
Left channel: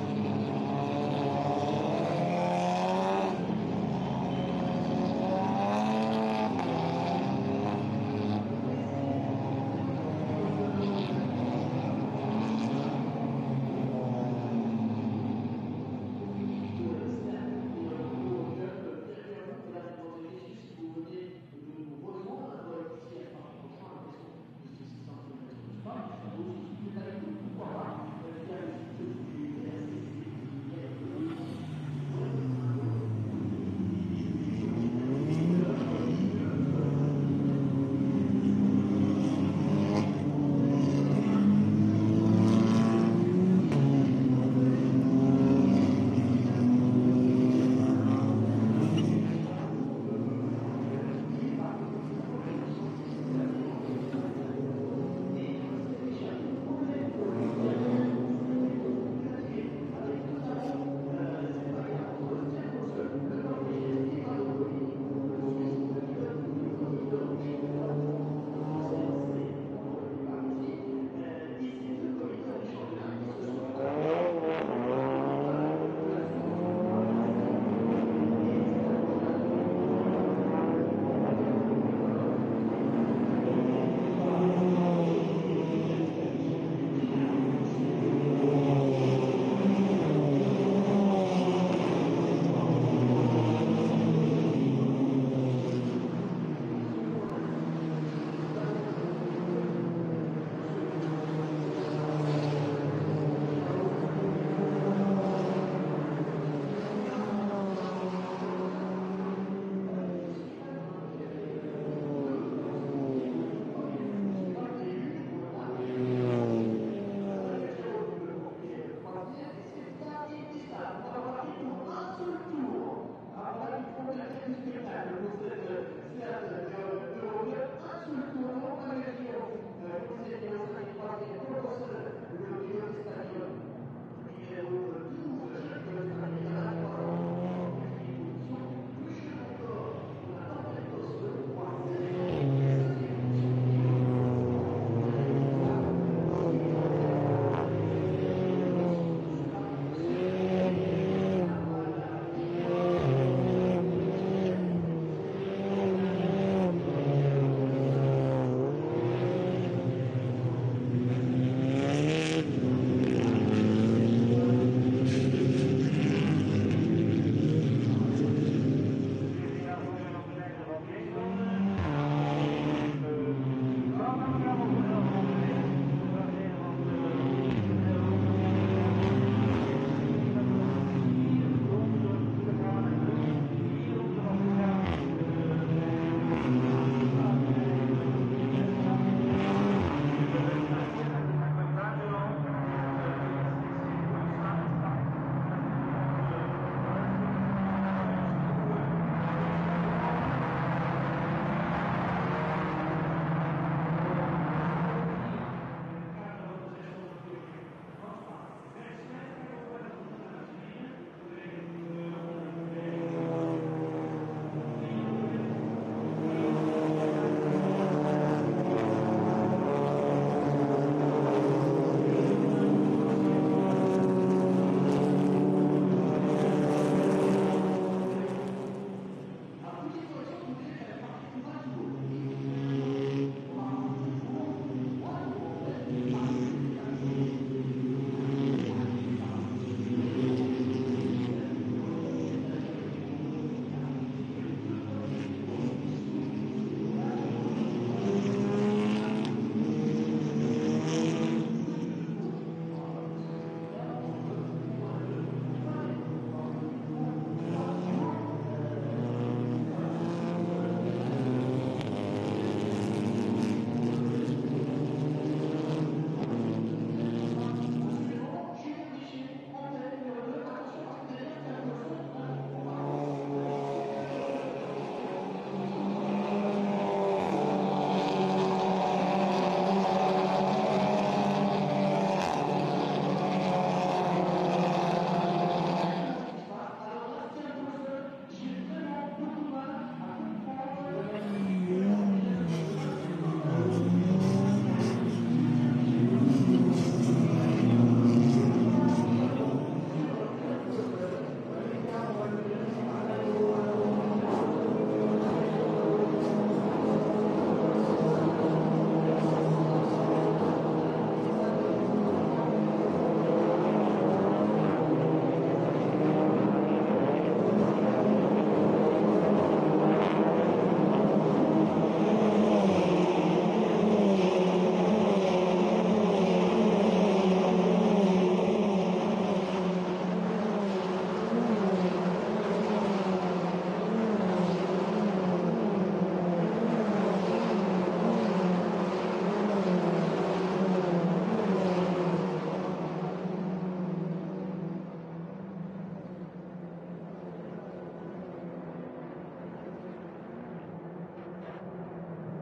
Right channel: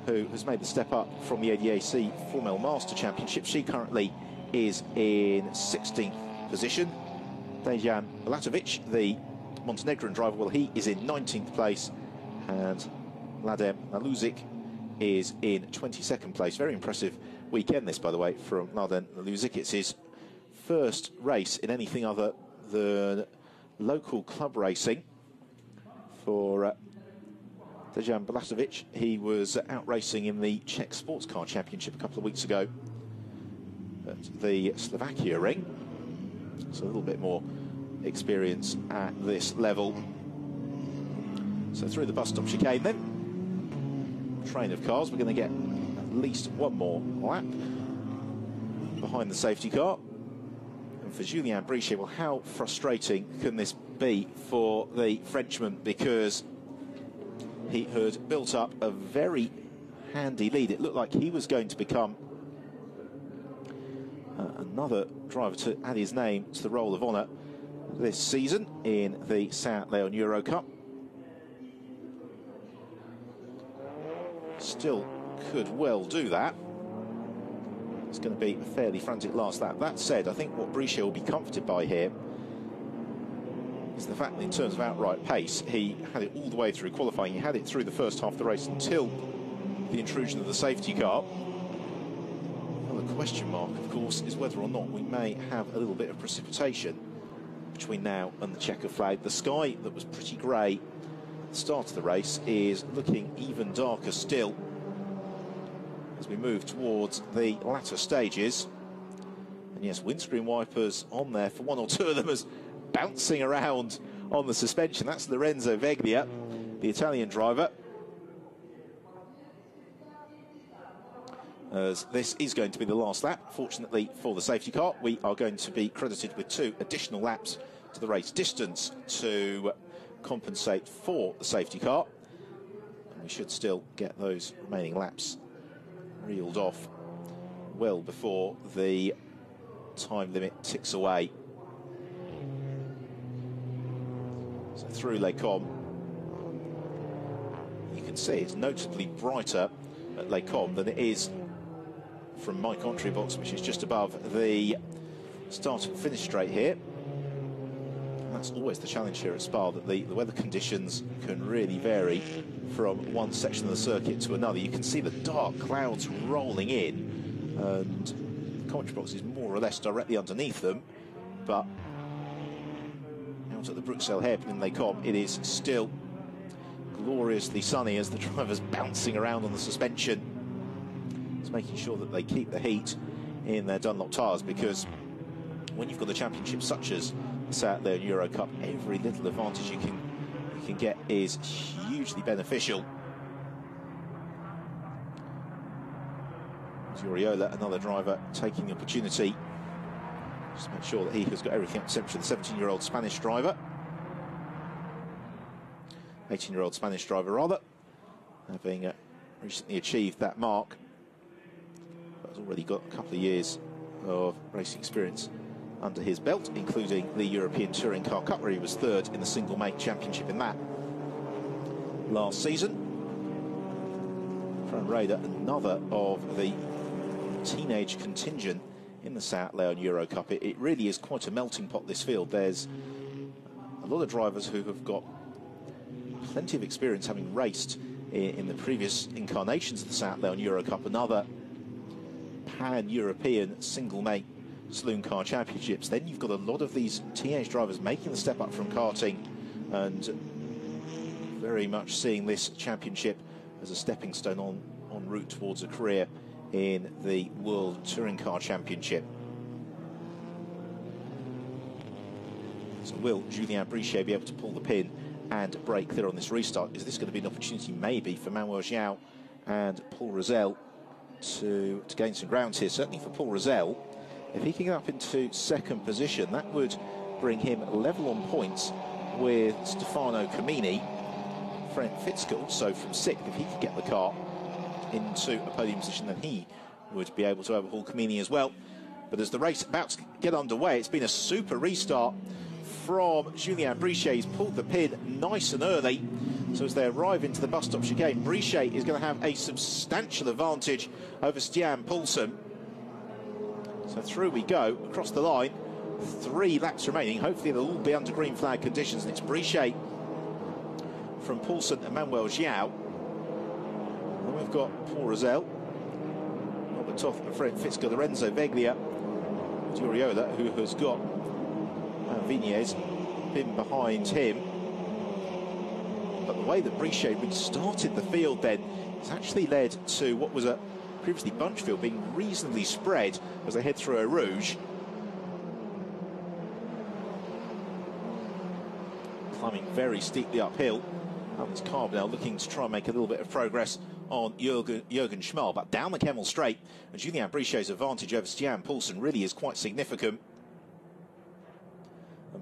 who has made the step up from the ADAC Formel Master Championship, she currently is in 16th position. Dejan Latovic, the Montenegrin driver, well, he is in 19th place, and Mladen Maluzic is in 22nd place. Very impressive weekend this, by the way, from Mladen Maluzic. It's his first race in anything other than local club racing for Dejan Balašević. He was out racing in the Czech Sports Car Championship a couple of weeks ago at the Slovakia ring. So a little bit more experience at this level. So through the bus stop chicane then, train of cars, we're going to get at least one more lap behind the safety car for Julien Brichet. Well, how frustrating can this be for the Frenchman, because he had built up a very handy lead. It looked like he was going to become another driver to add his name to the roll of honour this season in the Saint Leon Eurocup. Still could well do that. It's going to be a fairly frantic last lap. That said, I think what Brichet will be comforted by here is the fact that in terms of outright pace, he had it all the way through qualifying. He had it through the first half of the race until the intrusion of the safety car. The question, of course, is whether or not we may have a little bit of precipitation between now and the checker flag. The sky that was pretty grey at the start of the race is looking even darker still as we move towards the latter stages. And yes, windscreen wipers on there for one or two of them as bouncing around on the suspension. That's Lorenzo Veglia, the Italian driver. As this is going to be the last lap, fortunately for the safety car, we are going to be credited with 2 additional laps to the race distance to compensate for the safety car. We should still get those remaining laps reeled off well before the time limit ticks away. So through Les Combes, you can see it's notably brighter at Les Combes than it is from my commentary box, which is just above the start and finish straight here. That's always the challenge here at Spa, that the weather conditions can really vary from one section of the circuit to another. You can see the dark clouds rolling in, and the commentary box is more or less directly underneath them, but to the Bruxelles Head from Les Combes, it is still gloriously sunny as the driver's bouncing around in the suspension. It's making sure that they keep the heat in their Dunlop tyres, because when you've got the championship such as the Saint Leon Eurocup, every little advantage you can get is hugely beneficial. Zoriola, another driver, taking the opportunity just to make sure that he has got everything except for the 17-year-old Spanish driver. 18-year-old Spanish driver, rather, having recently achieved that mark. He's already got a couple of years of racing experience under his belt, including the European Touring Car Cup, where he was 3rd in the single main championship in that last season. Raider, another of the teenage contingent in the Saint Leon Eurocup. It really is quite a melting pot, this field. There's a lot of drivers who have got plenty of experience, having raced in the previous incarnations of the Saint Leon Eurocup and other pan-European single-main saloon car championships. Then you've got a lot of these teenage drivers making the step up from karting and very much seeing this championship as a stepping stone en route towards a career in the World Touring Car Championship. So will Julien Brichet be able to pull the pin and break there on this restart? Is this going to be an opportunity maybe for Manuel João and Paul Rosell to gain some ground here? Certainly for Paul Rosell, if he can get up into 2nd position, that would bring him level on points with Stefano Camini, Frank Fitzgerald. So from 6th, if he can get the car into podium position, then he would be able to overhaul Camini as well. But as the race is about to get underway, it's been a super restart from Julien Brichet. He's pulled the pin nice and early. So as they arrive into the bus stop chicane, Brichet is going to have a substantial advantage over Stian Poulsen. So through we go, across the line 3 laps remaining. Hopefully they'll all be under green flag conditions. It's Brichet from Paulson and Manuel Xiao. We've got Paul Rosell, Toth, Fred Fisker, Lorenzo Veglia, Toriola, who has got Vignes a bit behind him. But the way that Brichet started the field then has actually led to what was a previously bunch field being reasonably spread as they head through Eau Rouge. Climbing very steeply uphill. It's Carmel looking to try and make a little bit of progress on Jürgen Schmal, but down the Kemmel Straight, Julien Brichet's advantage over Stian Poulsen really is quite significant.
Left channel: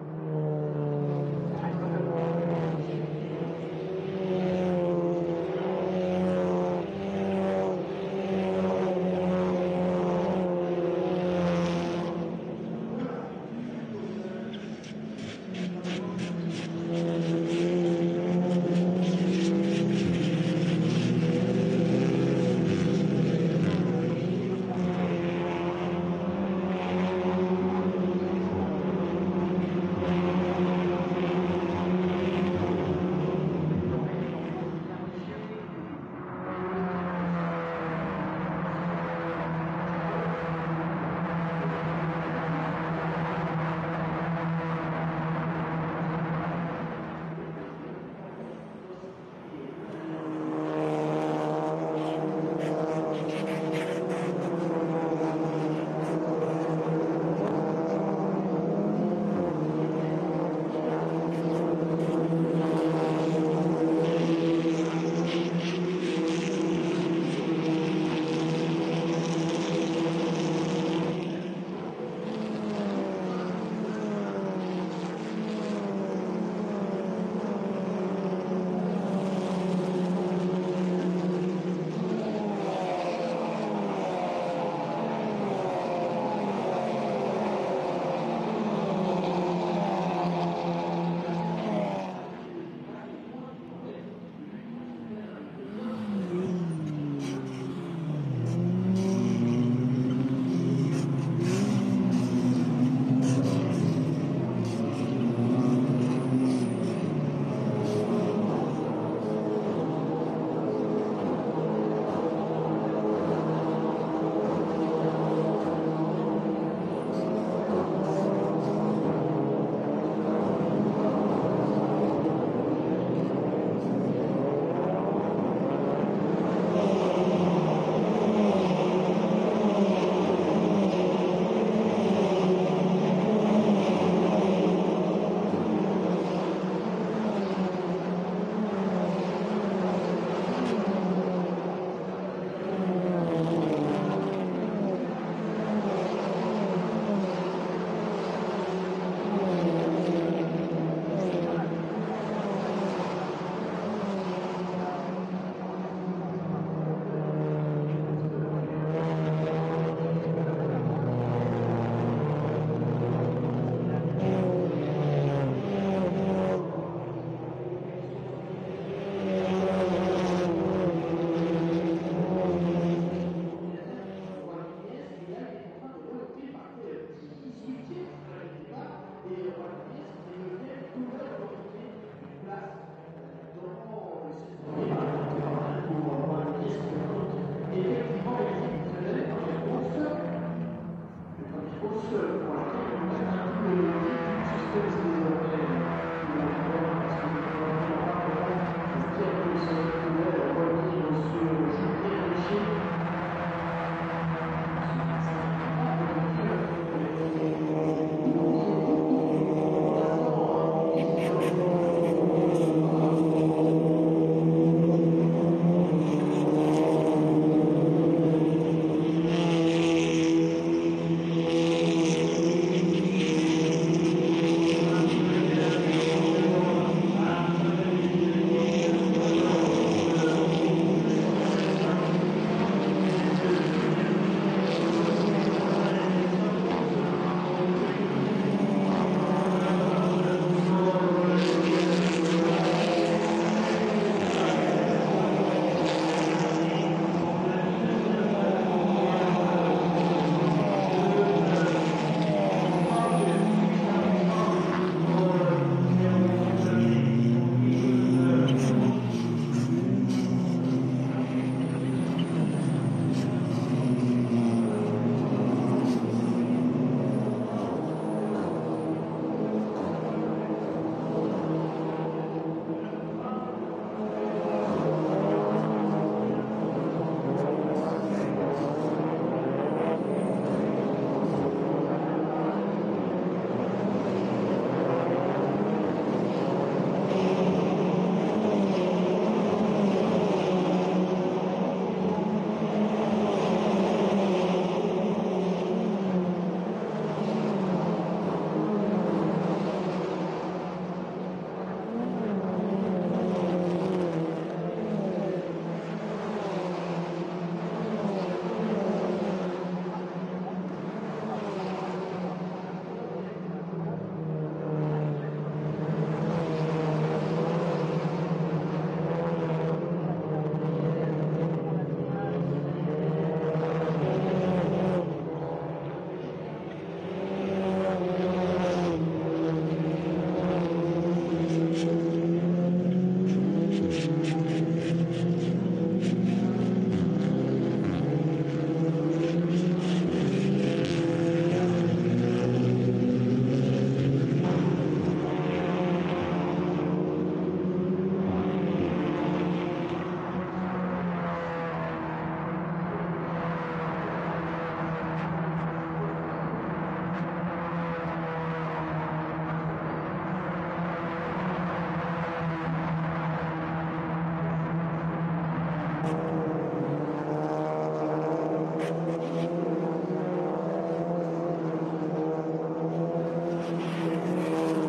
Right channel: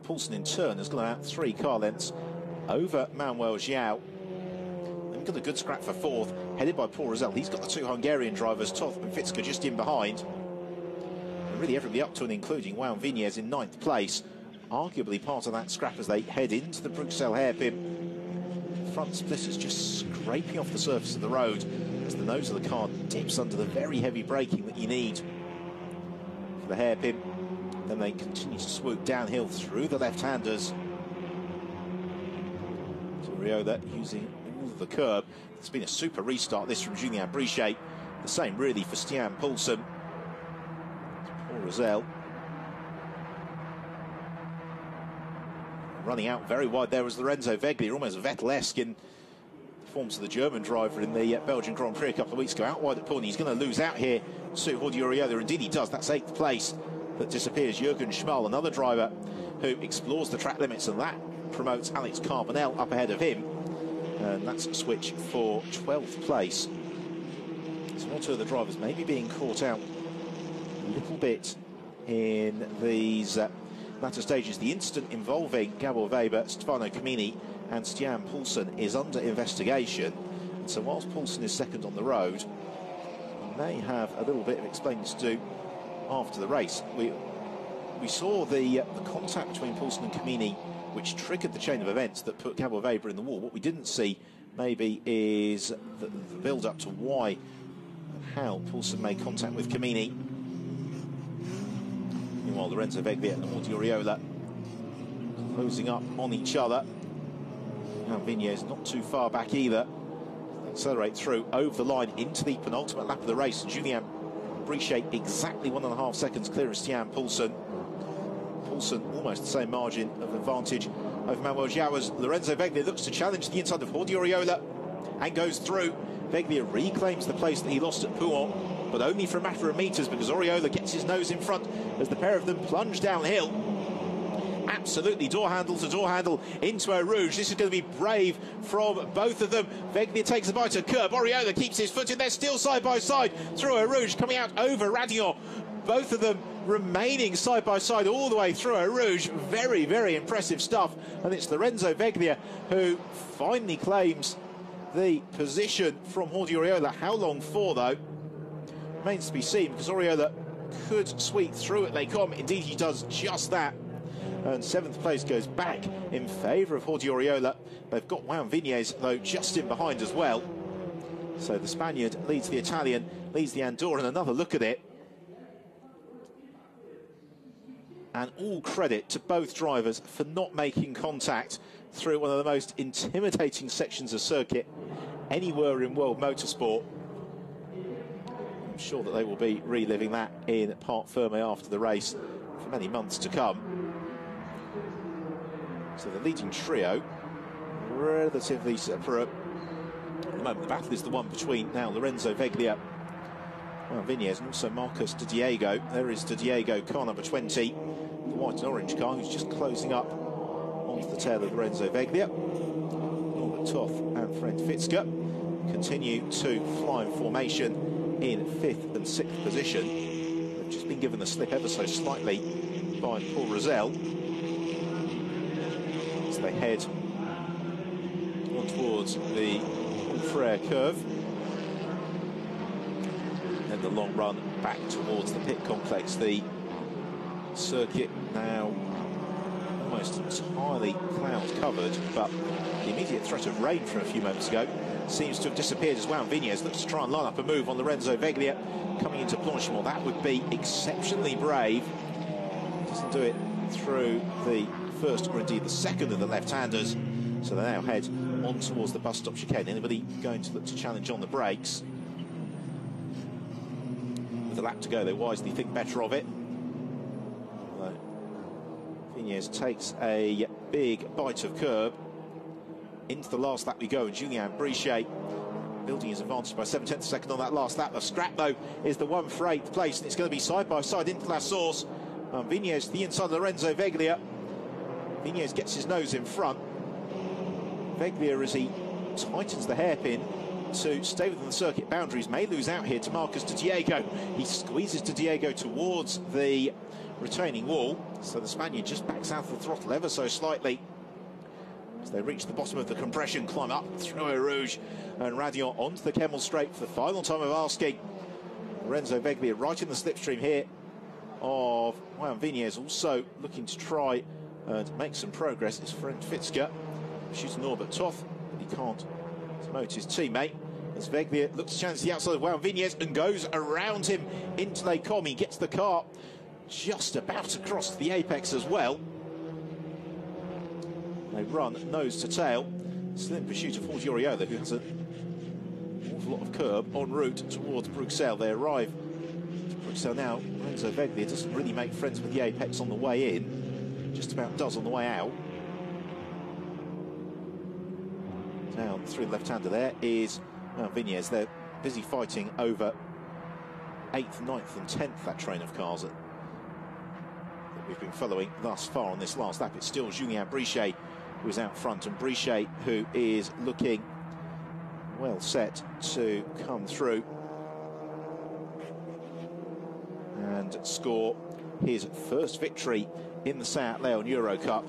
Poulsen in turn has gone out 3 car lengths over Manuel Xiao. Look at the good scrap for 4th, headed by Paul Rosell. He's got the 2 Hungarian drivers, Toth and Fisker just in behind. Really everybody up to and including Wout Vignes in 9th place. Arguably part of that scrap as they head into the Bruxelles hairpin. Front split is just scraping off the surface of the road as the nose of the car dips under the very heavy braking that you need for the hairpin. And they continue to swoop downhill through the left-handers. Toriola using the curb. It's been a super restart this from Julien Brichet. The same really for Stian Poulsen. Rosell running out very wide there was Lorenzo Veglia, almost Vettel-esque in performance of the German driver in the Belgian Grand Prix a couple of weeks ago. Out by the point, he's going to lose out here to Oriola. Indeed he does. That's 8th place. That disappears Jürgen Schmal, another driver who explores the track limits, and that promotes Alex Carbonell up ahead of him. That's a switch for 12th place. So not two of the drivers maybe being caught out a bit in these latter stages. The incident involving Gabor Weber, Stefano Camini and Stian Poulsen is under investigation. So whilst Poulsen is second on the road, they have a little bit of explainers to do after the race. We saw the contact between Poulsen and Camini, which triggered the chain of events that put Gabor Weber in the wall. What we didn't see maybe is the build-up to why and how Poulsen made contact with Camini. While Lorenzo Veglia and Toriola closing up on each other. Vignes not too far back either. Accelerate through over the line into the penultimate lap of the race. Julien Brichet exactly 1.5 seconds clear of Stian Poulsen. Poulsen almost the same margin advantage over Manuel Xiao as Lorenzo Veglia looks to challenge the inside of Oriola and goes through. Veglia reclaims the place that he lost at Poulon, but only for a matter of meters because Oriola gets his nose in front as the pair of them plunge downhill. Absolutely door handle to door handle into Eau Rouge. This is going to be brave from both of them. Veglia takes a bite of curb. Oriola keeps his foot in there, still side by side through Eau Rouge, coming out over Radillon. Both of them remaining side by side all the way through Eau Rouge. Very, very impressive stuff. And it's Lorenzo Veglia who finally claims the position from Oriola. How long for, though? Remains to be seen, because Oriola could sweep through it. They come. Indeed, he does just that. And 7th place goes back in favour of Oriola. They've got Wout Vignes, though, just in behind as well. So the Spaniard leads the Italian, leads the Andorran. Another look at it. And all credit to both drivers for not making contact through one of the most intimidating sections of circuit anywhere in world motorsport. I'm sure that they will be reliving that in Parc Fermé after the race for many months to come. So the leading trio, relatively separate. The battle is the one between now Lorenzo Veglia and Vignes, also Marcos de Diego. There is de Diego, car number 20. White and orange car who's just closing up the tail of Lorenzo Veglia. Toth and Fred Fisker continue to fly formation in 5th and 6th position. Just been given a slip ever so slightly by Paul Rosell. As they head towards the Frere curve. And the long run back towards the pit complex. The circuit now almost entirely cloud covered, but for a few moments ago seems to have disappeared as well. Vignes brakes. With a lap to go, they wisely think better of it. Yes, takes a big bite of curb. Into the last lap we go, Julien Brichet building his advantage by 7/10 of a second on that last lap. A scrap though is the one for 8th place. It's going to be side by side in La Source. Vignes to the inside, Lorenzo Veglia. Vignes gets his nose in front. Veglia, as he tightens the hairpin to stay within the circuit boundaries, may lose out here to Marcus de Diego. He squeezes de Diego towards the retaining wall, so the Spaniard just backs out the throttle ever so slightly. As they reach the bottom of the compression, climb up through Eau Rouge and Radion onto the Kemmel Straight for the final time of asking. Lorenzo Veglia right in the slipstream here of Vignes, also looking to try and make some progress. It's Francorchamps. She's Norbert Toth. He can't promote his teammate. As Veglia looks to chance the outside of Vignes and goes around him into Les Combes. He gets the car just about to cross the apex as well. They run nose to tail. Slim pursuit of Eurocup. It's a curb en route towards Bruxelles. They arrive. So now, Veglia doesn't really make friends with the apex on the way in. Just about does on the way out. Through left-hander there is Vignes. They're busy fighting over 8th, 9th and 10th, that train of cars. We've been following thus far on this last lap, but still Julien Brichet was out front, and Brichet, who is looking well set to come through and score his first victory in the Seat Leon Eurocup.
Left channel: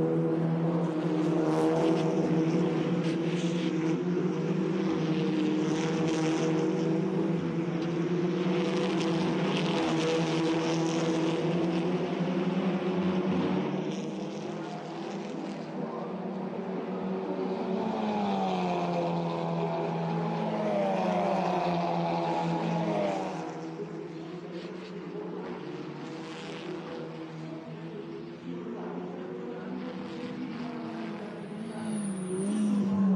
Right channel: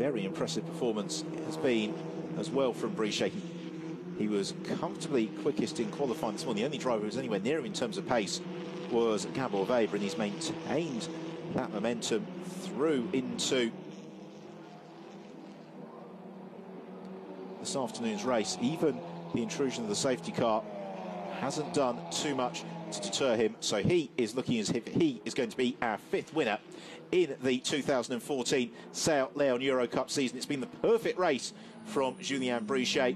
Very impressive performance has been as well from Brichet. He was comfortably quickest in qualifying. Well, the only driver who was anywhere near him in terms of pace was Campbell Bay, who was maintained that momentum through into this afternoon's race. Even the intrusion of the safety car hasn't done too much to deter him, so he is looking as if he is going to be our 5th winner in the 2014 Seat Leon Eurocup season. It's been the perfect race from Julien Brichet.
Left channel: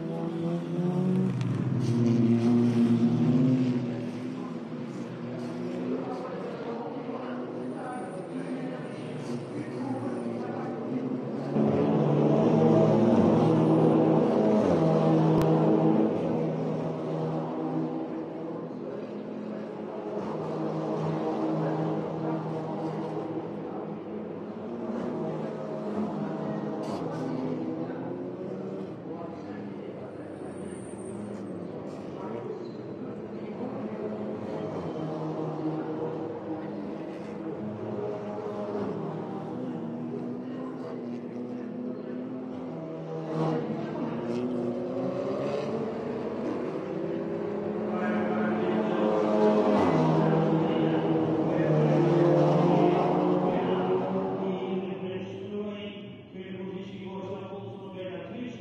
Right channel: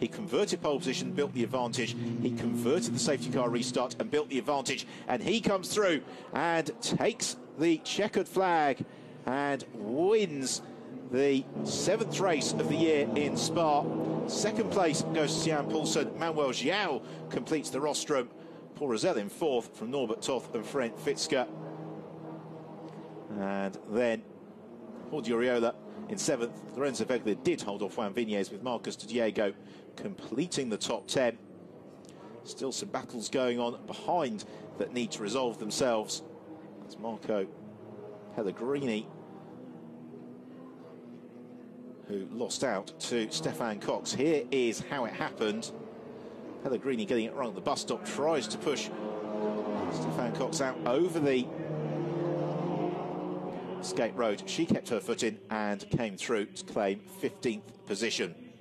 He converted pole position, built the advantage. He converted the safety car restart and built the advantage. And he comes through and takes the checkered flag and wins the 7th race of the year in Spa. 2nd place goes to Tian Poulsen. Manuel Xiao completes the rostrum. Paul Rosell in 4th from Norbert Toth and Francorchamps. And then Orduriola in 7th. Lorenzo Veglia did hold off Juan Vignes, with Marcus de Diego completing the top 10. Still some battles going on behind that need to resolve themselves. It's Marco Pellegrini, who lost out to Stefan Cox. Here is how it happened. Pellegrini getting it right at the bus stop, tries to push Stefan Cox out over the skate road. She kept her foot in and came through to claim 15th position.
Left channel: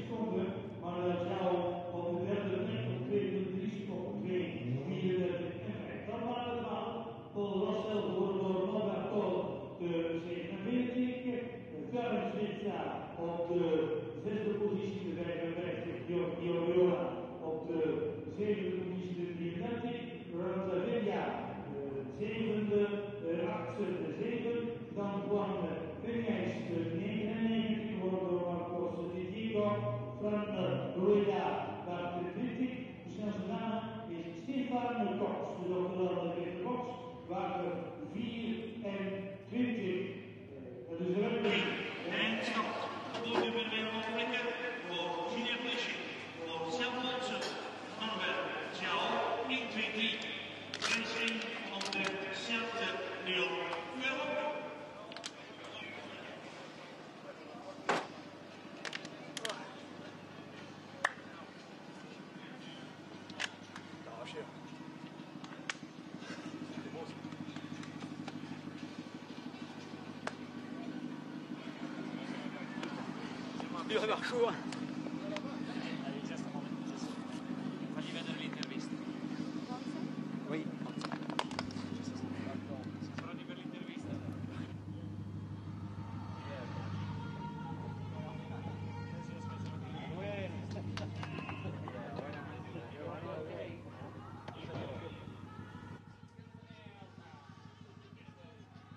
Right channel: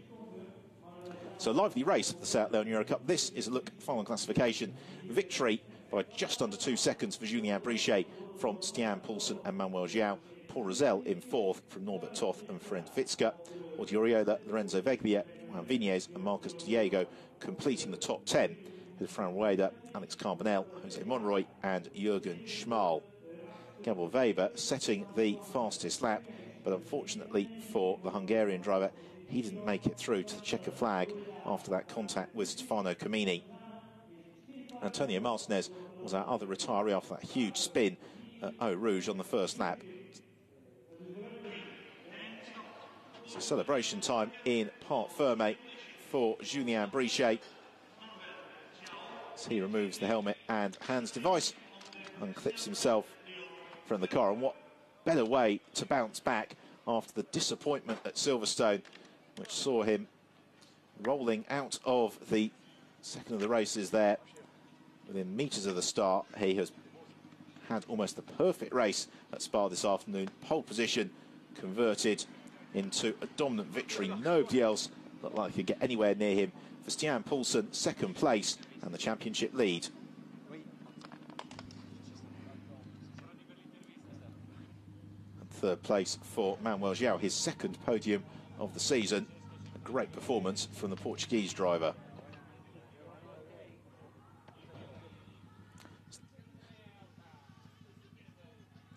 So lively race of the Seat Leon Eurocup. This is a look at the final classification. Victory by just under 2 seconds for Julien Brichet from Stian Poulsen and Manuel Xiao. Paul Rosell in 4th from Norbert Toth and Francorchamps. Orduriola, Lorenzo Veglia, Vignes and Marcus Diego completing the top 10, with Fran Rueda, Alex Carbonell, Jose Monroy and Jürgen Schmal. Campbell Weber setting the fastest lap, but unfortunately for the Hungarian driver, he didn't make it through to the checkered flag after that contact with Stefano Comini. Antonio Martinez was our other retiree off that huge spin at Eau Rouge on the first lap. So celebration time in Parc Fermé for Julien Brichet. So he removes the helmet and hands device and clips himself from the car. And what better way to bounce back after the disappointment at Silverstone, which saw him rolling out of the second of the races there within metres of the start. He has had almost the perfect race at Spa this afternoon. Pole position converted into a dominant victory. Nobody else looked like could get anywhere near him. For Stian Poulsen, 2nd place and the championship lead. 3rd place for Manuel Xiao, his 2nd podium of the season. great performance from the Portuguese driver.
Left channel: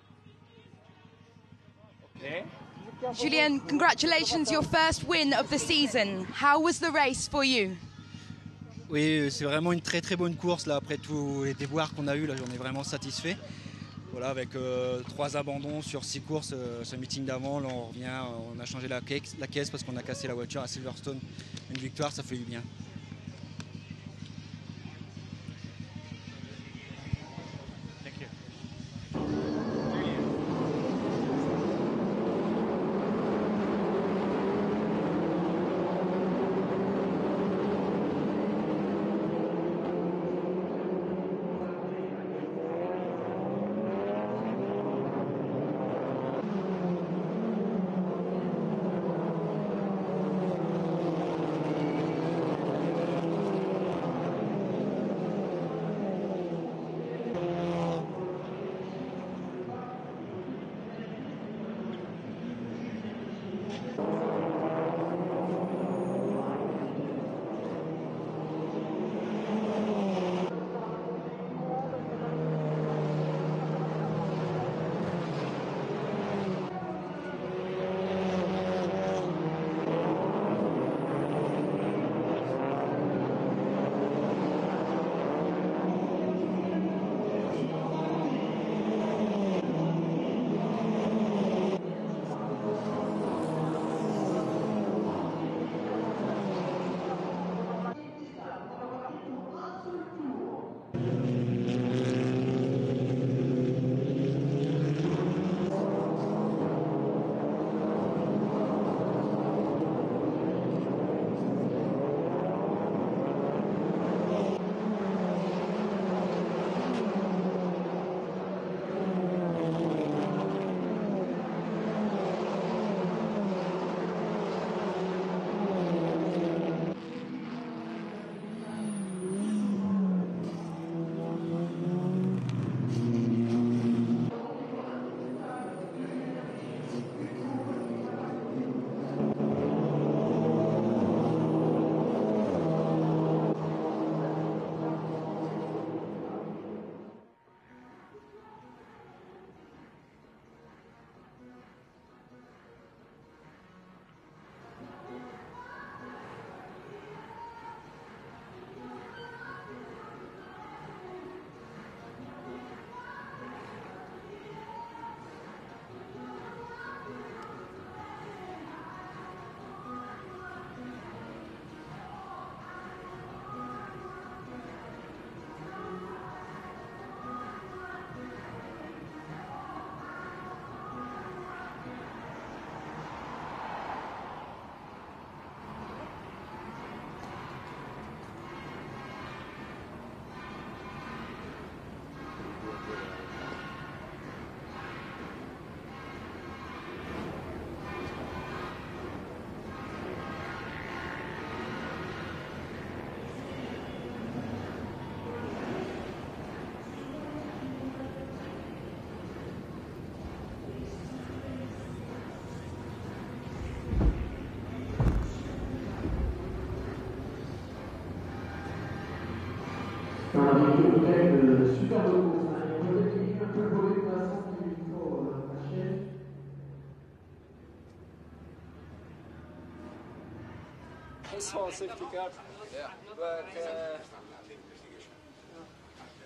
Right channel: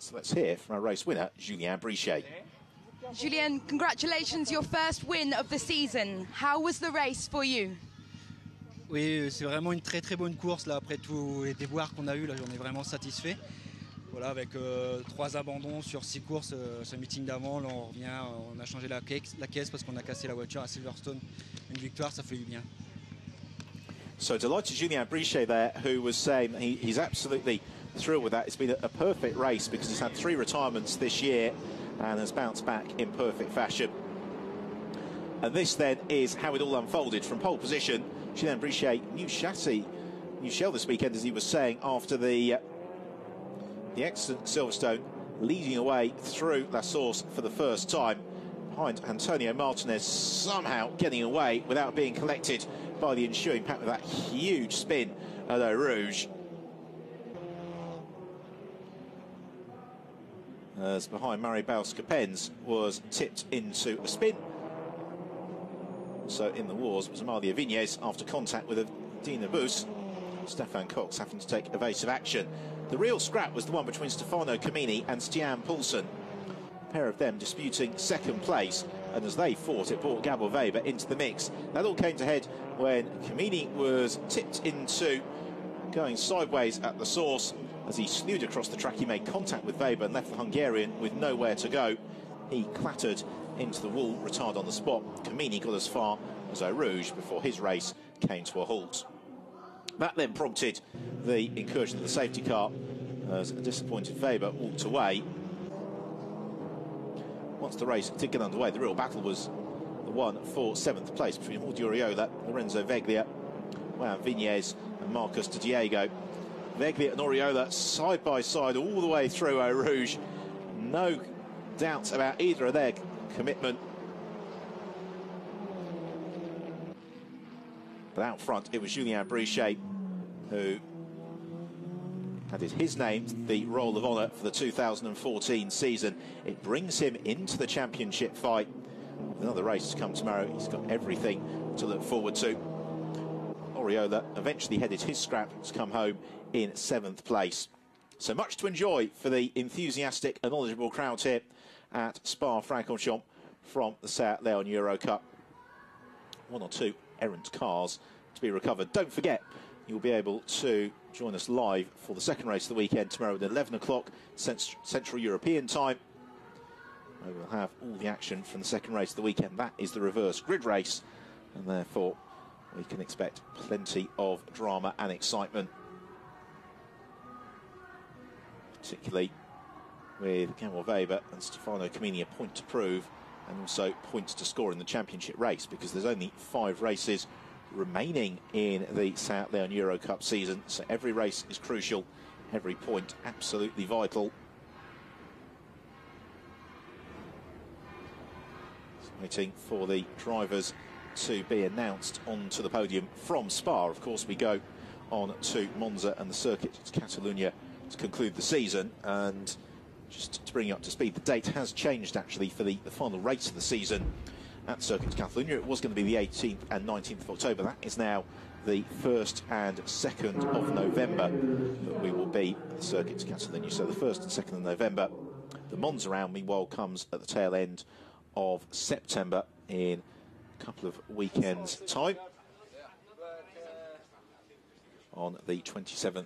So let's hear from our race winner, Julien Brichet. Julien, congratulations, your first win of the season. How was the race for you? Oui, c'est vraiment une très bonne course là. Après tous les déboires qu'on a eu, là, j'en ai vraiment satisfait. Voilà, avec 3 abandons sur 6 courses, ce meeting d'avant, là on revient, on a changé la caisse parce qu'on a cassé la voiture à Silverstone. Une victoire, ça fait du bien. So delighted Julien Brichet there, who was saying he's absolutely thrilled with that. It's been a perfect race because he's had 3 retirements this year and has bounced back in perfect fashion. And this then is how it all unfolded. From pole position, Julien Brichet, new chassis, new shell this weekend, as he was saying after the excellent Silverstone, leading away through La Source for the first time. Behind Antonio Martinez, somehow getting away without being collected by the ensuing pack with that huge spin at Eau Rouge. As behind Murray Bauskas was tipped into a spin. So in the wars was Malia Viñez after contact with Dina Bus. Stefan Cox having to take evasive action. The real scrap was the one between Stefano Camini and Stian Poulsen. A pair of them disputing second place. And as they fought, it brought Gabor Weber into the mix. That all came to head when Camini was tipped into going sideways at the source. As he slewed across the track, he made contact with Weber and left the Hungarian with nowhere to go. He clattered into the wall, retired on the spot. Camini got as far as Eau Rouge before his race came to a halt. That then prompted the incursion of the safety car as a disappointed Weber walked away. Once the race did get underway, the real battle was won for 7th place between Duriola, Lorenzo Veglia, and Viñez, Marcus Di Diego. Veglia and Oriola side by side all the way through Eau Rouge. No doubt about either of their commitment. But out front, it was Julien Brichet who had his name the Roll of Honour for the 2014 season. It brings him into the championship fight. Another race come tomorrow. He's got everything to look forward to. Oriola eventually headed his scrap and has come home in 7th place. So much to enjoy for the enthusiastic and knowledgeable crowd here at Spa-Francorchamps from the Seat Leon Eurocup. 1 or 2 errant cars to be recovered. Don't forget, you'll be able to join us live for the second race of the weekend tomorrow at 11 o'clock Central European time. We'll have all the action from the second race of the weekend. That is the reverse grid race, and therefore we can expect plenty of drama and excitement, particularly with Gabor Weber and Stefano Camini a point to prove, and also points to score in the championship race, because there's only 5 races remaining in the Seat Leon Eurocup season, so every race is crucial, every point absolutely vital. Waiting for the drivers to be announced onto the podium from Spa. Of course, we go on to Monza and the circuit to Catalunya to conclude the season. And just to bring you up to speed, the date has changed actually for the final race of the season at Circuit Catalunya. It was going to be the 18th and 19th of October. That is now the 1st and 2nd of November. It will be Circuit Catalunya, so the 1st and 2nd of November. The Monza round, meanwhile, comes at the tail end of September in a couple of weekends' time, on the 27th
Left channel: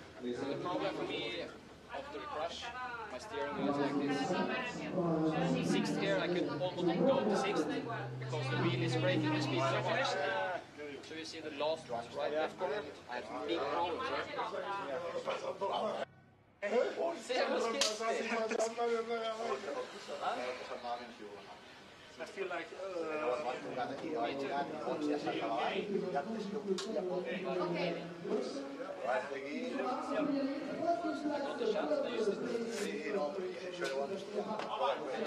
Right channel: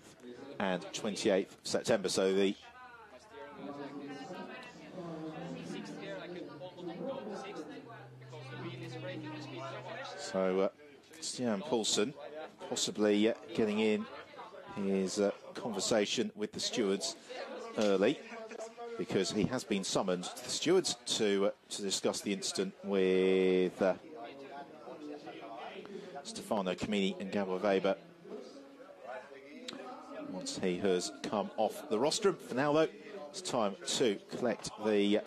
and 28th of September. So the Stian Poulsen possibly getting in his conversation with the stewards early, because he has been summoned to the stewards to discuss the incident with Stefano Camini and Gabor Weber. He has come off the rostrum. Now, though, it's time to collect the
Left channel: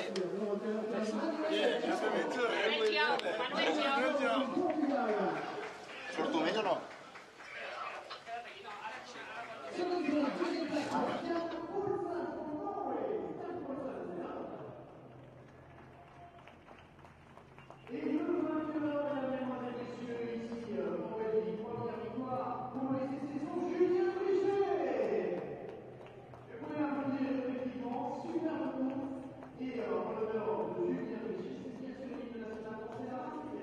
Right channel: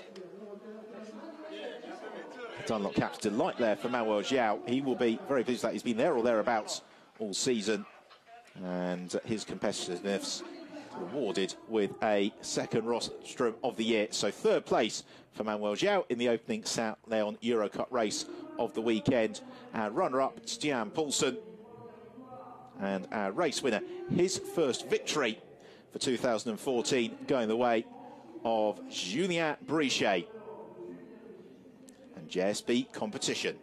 Dunlop Capital light there for Manuel João. He will be very pleased that he's been there or thereabouts all season. and his competitiveness rewarded with a second rostrum of the year. So third place for Manuel João in the opening South Leon Eurocup race of the weekend. Our runner-up, Stian Poulsen, and our race winner, his first victory for 2014, going the way of Julien Brichet. JSB competition.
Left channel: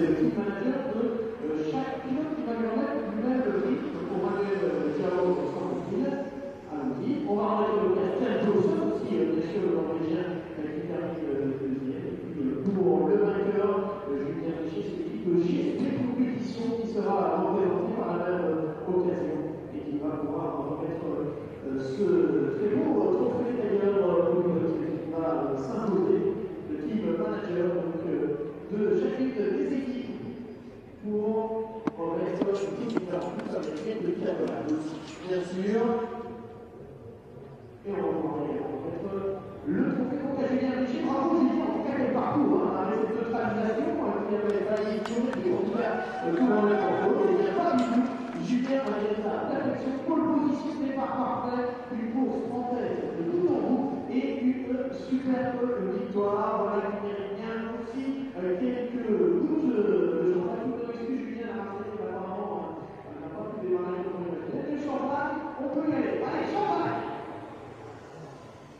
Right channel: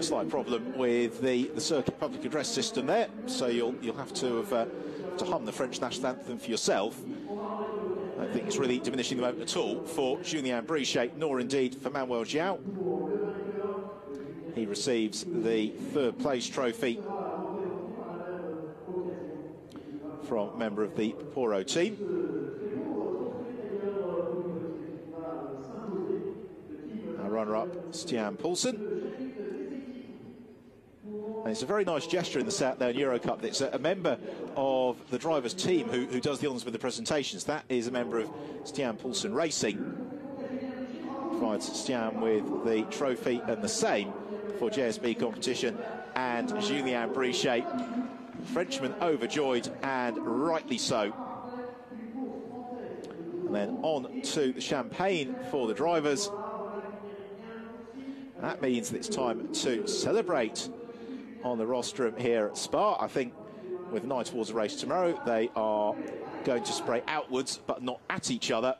Slight problem with the circuit public address system there, so you'll have to hum the French national anthem for yourself. I don't think it's really diminishing the moment at all for Julien Brichet, nor indeed for Manuel João. He receives the third place trophy from a member of the Poro team. Runner-up, Stian Poulsen. It's a very nice gesture in the South Leon Eurocup. It's a member of the driver's team who does the honours with the presentations. That is a member of Stian Poulsen Racing. Provides Stian with the trophy and the same for JSB competition. And Julien Brichet, Frenchman, overjoyed, and rightly so. Then on to the champagne for the drivers. That means that it's time to celebrate on the rostrum here at Spa. I think with an eye towards the race tomorrow, they are going to spray outwards but not at each other.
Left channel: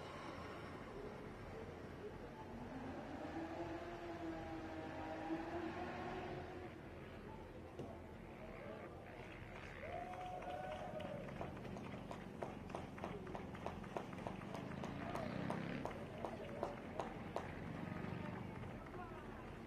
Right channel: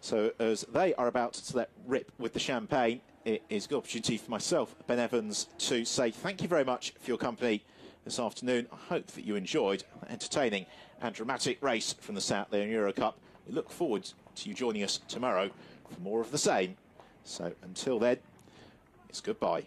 So as they are about to let rip with the champagne, it is a good opportunity for myself, Ben Evans, to say thank you very much for your company this afternoon. I hope that you enjoyed an entertaining and dramatic race from the South Leon Eurocup. We look forward to you joining us tomorrow for more of the same. So until then, it's goodbye.